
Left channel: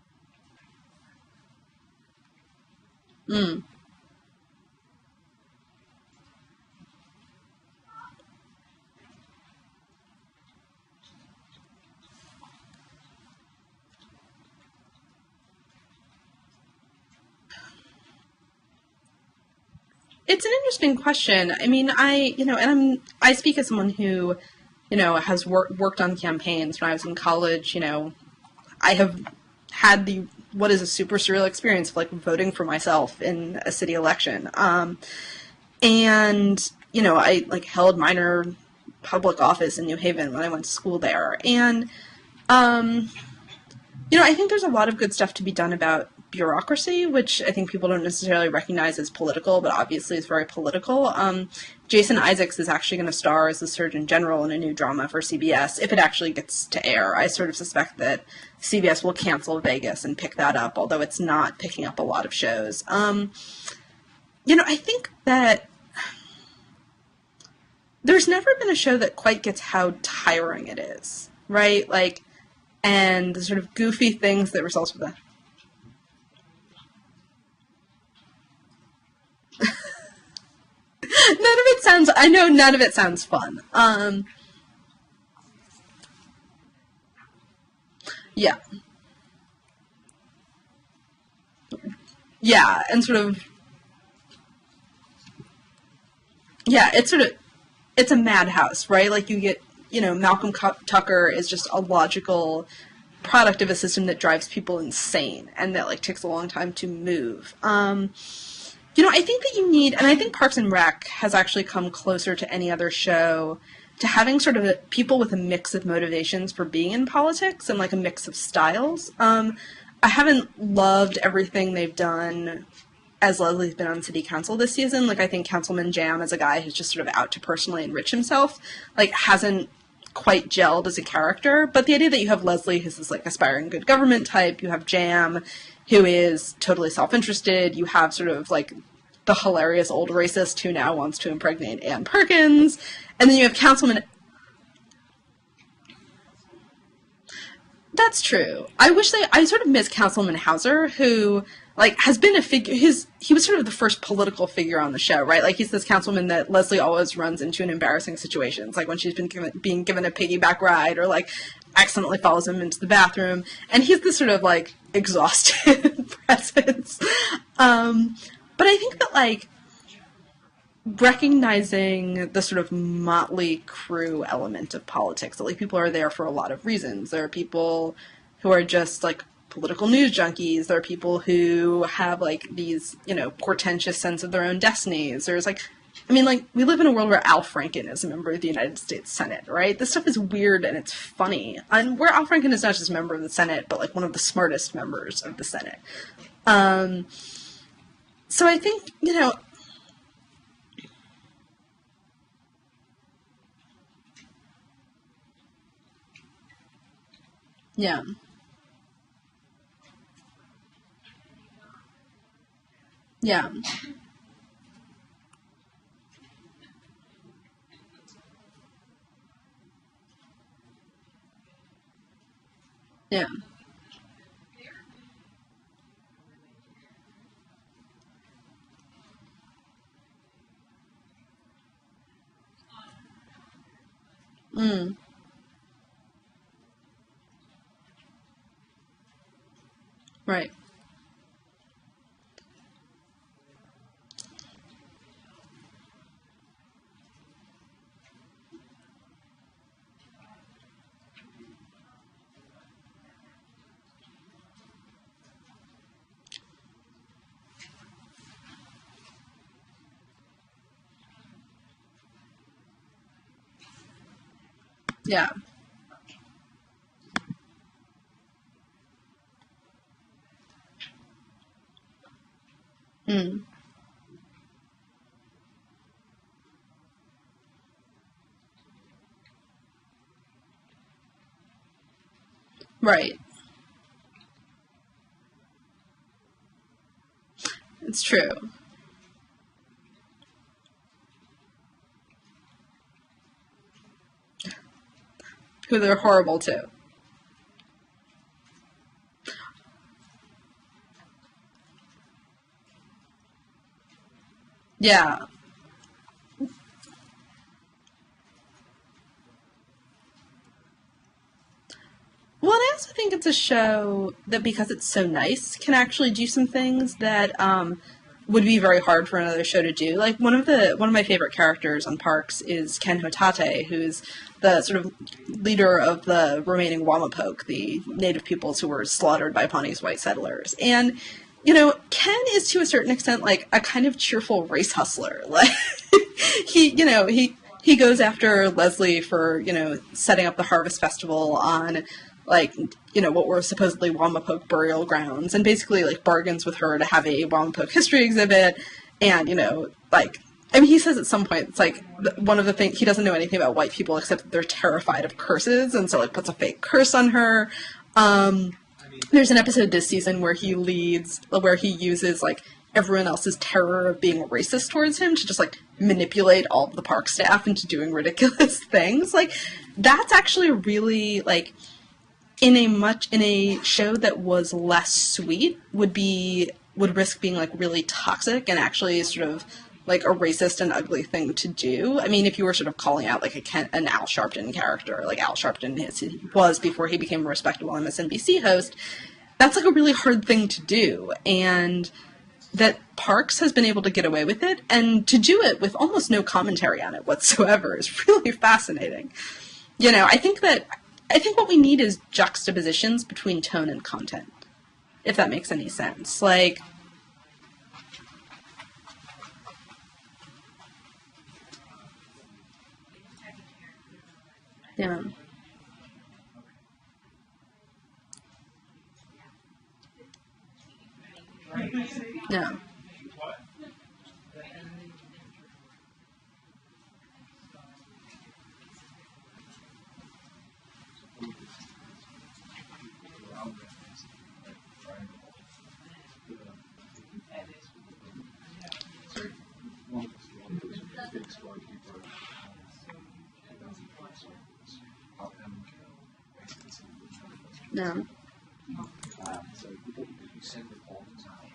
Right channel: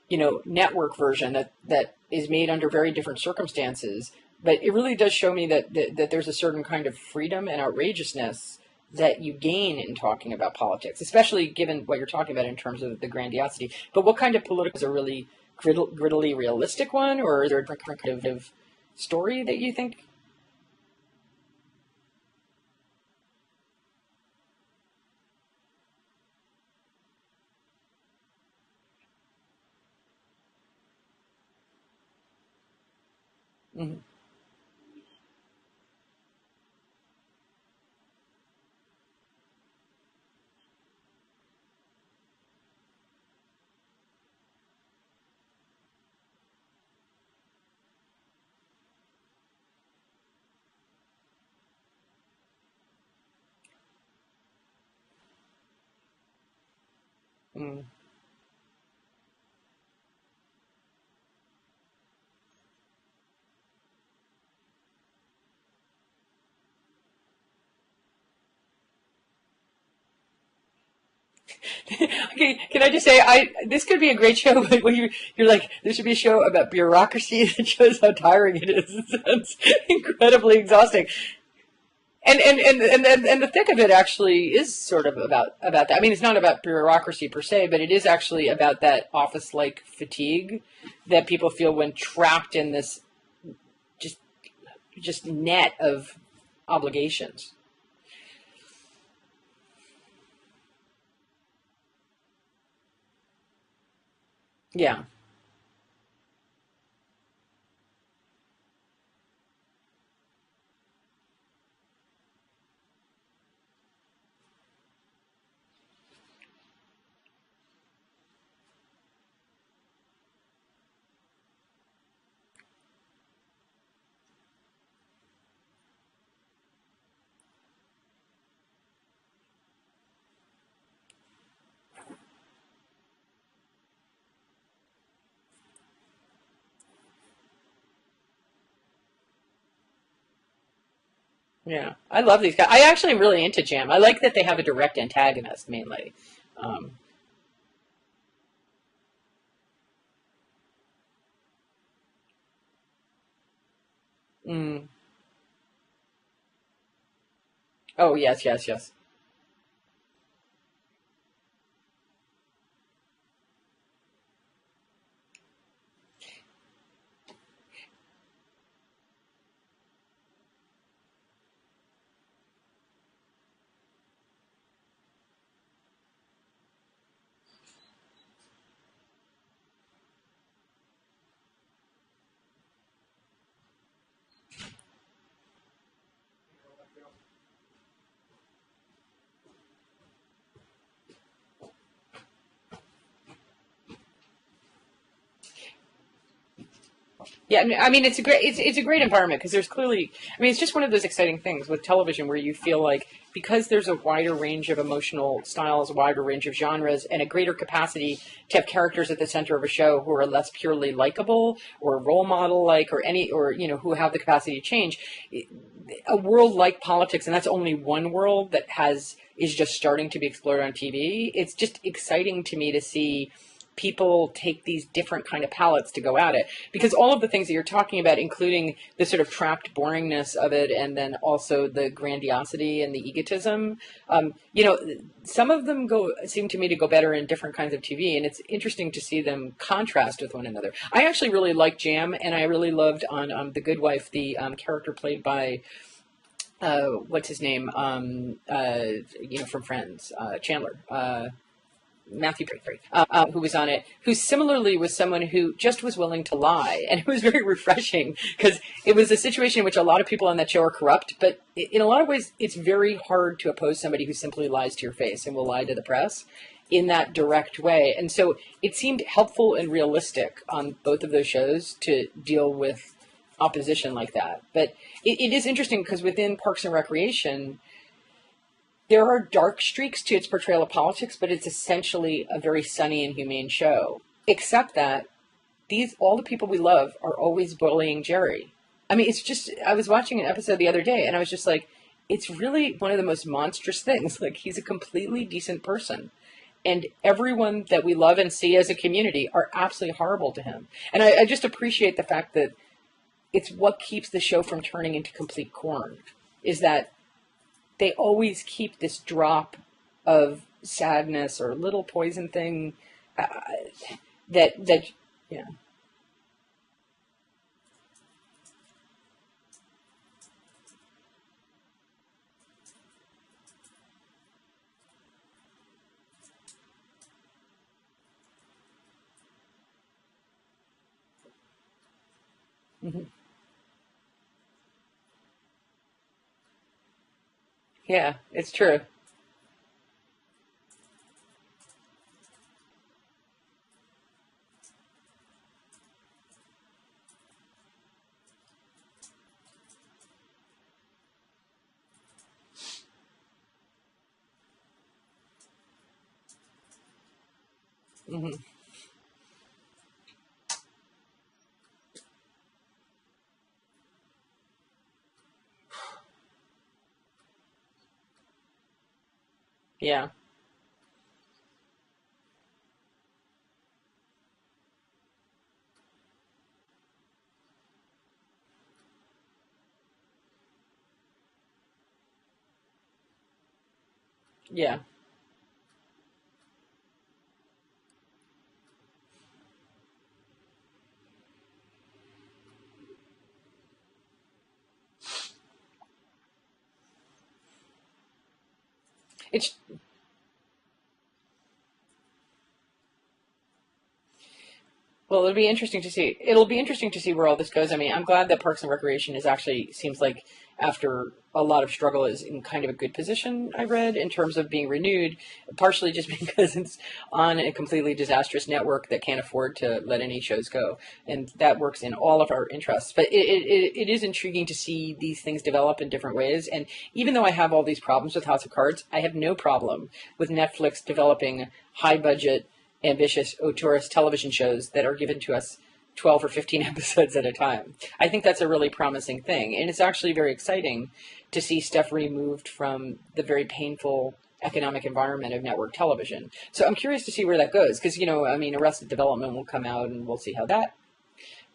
you know, network version that is made under very different circumstances. But it really does show me that there's a certain kind of freedom and outrageousness that you gain in talking about politics, especially given what you're talking about in terms of the grandiosity. But what kind of politics is a really grittily realistic one, or is there a kind of story that you think? It's an interesting question. I mean, I speak as someone who, you know, has worked on campaigns. When I was in college, you know, I have had what is a super surreal experience of, like, voting for myself in a city election. And, you know, I, like, held minor public office in New Haven when I went to school there. And, you know, I think there's a lot of good stuff to be done about bureaucracy, which I think people don't necessarily recognize as political, but obviously is very political. Jason Isaacs is actually going to star as the Surgeon General in a new drama for CBS, if it actually gets to air. I sort of suspect that CBS will cancel Vegas and pick that up, although it's not picking up a lot of shows. You know, I think that there's never been a show that quite gets how tiring it is, right? Like, okay, can I just say, this could be a great show where you're like, there should be a show about bureaucracy that shows how tiring it is. It sounds incredibly exhausting. None of it sounds, none of it sounds fun. And the thick of it actually is sort of about that. I mean, it's not about bureaucracy per se, but it is actually about that office-like fatigue that people feel when trapped in this and sort of just net of it's a madhouse, right? Like, you get, you know, Malcolm Tucker is just a logical product of a system that drives people insane, and that, like, takes a long time to move. You know, I think that you need, and I think Parks and Rec has actually come closer to any other show to having sort of people with a mix of motivations for being in politics and, like, a mix of styles. I haven't loved everything they've done as Leslie's been on city council this season. Like, I think Councilman Jam, as a guy who's just sort of out to personally enrich himself, like, hasn't quite gelled as a character. But the idea that you have Leslie, who's this, like, aspiring good government type, you have Jam, who is totally self-interested, you have sort of, like, the hilarious old racist who now wants to impregnate Ann Perkins. I love these guys. I actually really like Jam. I like that they have a direct antagonist, mainly. That's true. I sort of miss Councilman Hauser, who, like, has been a figure, he was sort of the first political figure on the show, right? Like, he's this councilman that Leslie always runs into in embarrassing situations. Yes. Like, when she's being given a piggyback ride, or, like, accidentally follows him into the bathroom. And he's this sort of, like, exhausted presence. But I think that, like, recognizing the sort of motley crew element of politics. That, like, people are there for a lot of reasons. There are people who are just like political news junkies. There are people who have like these, portentous sense of their own destinies. There's like, I mean, like, we live in a world where Al Franken is a member of the United States Senate, right? This stuff is weird and it's funny. And where Al Franken is not just a member of the Senate, but like one of the smartest members of the Senate. Yeah, I mean, it's a great, So it's a great environment because there's clearly, I mean, it's just one of those exciting things with television where you feel like because there's a wider range of emotional styles, a wider range of genres, and a greater capacity to have characters at the center of a show who are less purely likable or role model like or who have the capacity to change. A world like politics, and that's only one world that is just starting to be explored on TV. It's just exciting to me to see people take these different kind of palettes to go at it, because all of the things that you're talking about, including the sort of trapped boringness of it, and then also the grandiosity and the egotism, some of them seem to me to go better in different kinds of TV, and it's interesting to see them contrast with one another. I actually really liked Jam, and I really loved on The Good Wife the character played by what's his name, from Friends, Chandler. Matthew Perry, who was on it, who similarly was someone who just was willing to lie. And it was very refreshing because it was a situation in which a lot of people on that show are corrupt, but in a lot of ways, it's very hard to oppose somebody who simply lies to your face and will lie to the press in that direct way. And so it seemed helpful and realistic on both of those shows to deal with opposition like that. But it is interesting because within Parks and Recreation, there are dark streaks to its portrayal of politics, but it's essentially a very sunny and humane show. Except that all the people we love are always bullying Jerry. I mean, it's just, I was watching an episode the other day, and I was just like, it's really one of the most monstrous things. Like, he's a completely decent person. Who they're horrible to. And everyone that we love and see as a community are absolutely horrible to him. And I just appreciate the fact that it's what keeps the show from turning into complete corn, is that they always keep this drop of sadness or little poison thing. Well, I also think it's a show that because it's so nice, can actually do some things that would be very hard for another show to do. Like, one of my favorite characters on Parks is Ken Hotate, who's the sort of leader of the remaining Wamapoke, the native peoples who were slaughtered by Pawnee's white settlers. And Ken is to a certain extent like a kind of cheerful race hustler. Like, he goes after Leslie for, setting up the Harvest Festival on, what were supposedly Wamapoke burial grounds, and basically, bargains with her to have a Wamapoke history exhibit, and, he says at some point, it's one of the things, he doesn't know anything about white people except that they're terrified of curses, and so, puts a fake curse on her. There's an episode this season where he uses, everyone else's terror of being racist towards him to just manipulate all of the park staff into doing ridiculous things. That's actually really in a show that was less sweet would risk being really toxic and actually sort of a racist and ugly thing to do. I mean, if you were sort of calling out an Al Sharpton character, like Al Sharpton was before he became a respectable MSNBC host, that's a really hard thing to do. And that Parks has been able to get away with it, and to do it with almost no commentary on it whatsoever is really fascinating. I think what we need is juxtapositions between tone and content. It'll be interesting to see. It'll be interesting to see where all this goes. I mean, I'm glad that Parks and Recreation seems like after a lot of struggle is in kind of a good position, I read, in terms of being renewed, partially just because it's on a completely disastrous network that can't afford to let any shows go. And that works in all of our interests. But it is intriguing to see these things develop in different ways. And even though I have all these problems with House of Cards, I have no problem with Netflix developing high-budget, ambitious, auteurist television shows that are given to us 12 or 15 episodes at a time. I think that's a really promising thing. And it's actually very exciting to see stuff removed from the very painful economic environment of network television. So I'm curious to see where that goes. Because, Arrested Development will come out and we'll see how that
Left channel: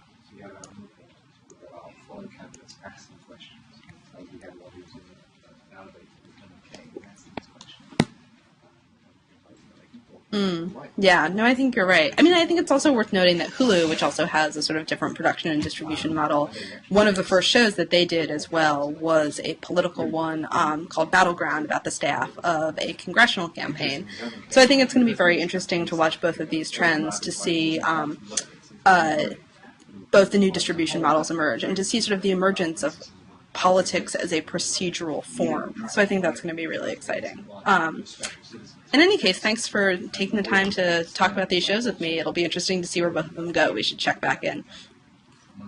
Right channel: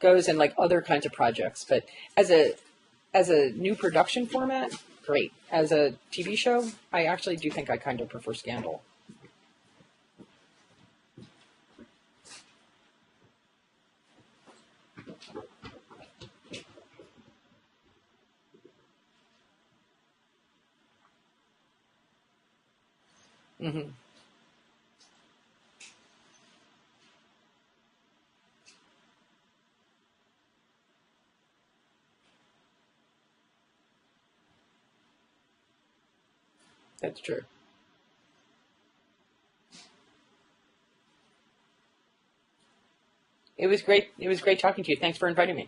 goes, and other kinds of projects. But as a new production format, great. As a TV show, I actually do think I kind of prefer Scandal. Yeah, no, I think you're right. I mean, I think it's also worth noting that Hulu, which also has a sort of different production and distribution model, one of the first shows that they did as well was a political one called Battleground about the staff of a congressional campaign. So I think it's going to be very interesting to watch both of these trends to see both the new distribution models emerge and to see sort of the emergence of politics as a procedural form. So I think that's going to be really exciting. In any case, thanks for taking the time to talk about these shows with me. It'll be interesting to see where both of them go. We should check back in. It was great talking to you. Thanks for inviting me.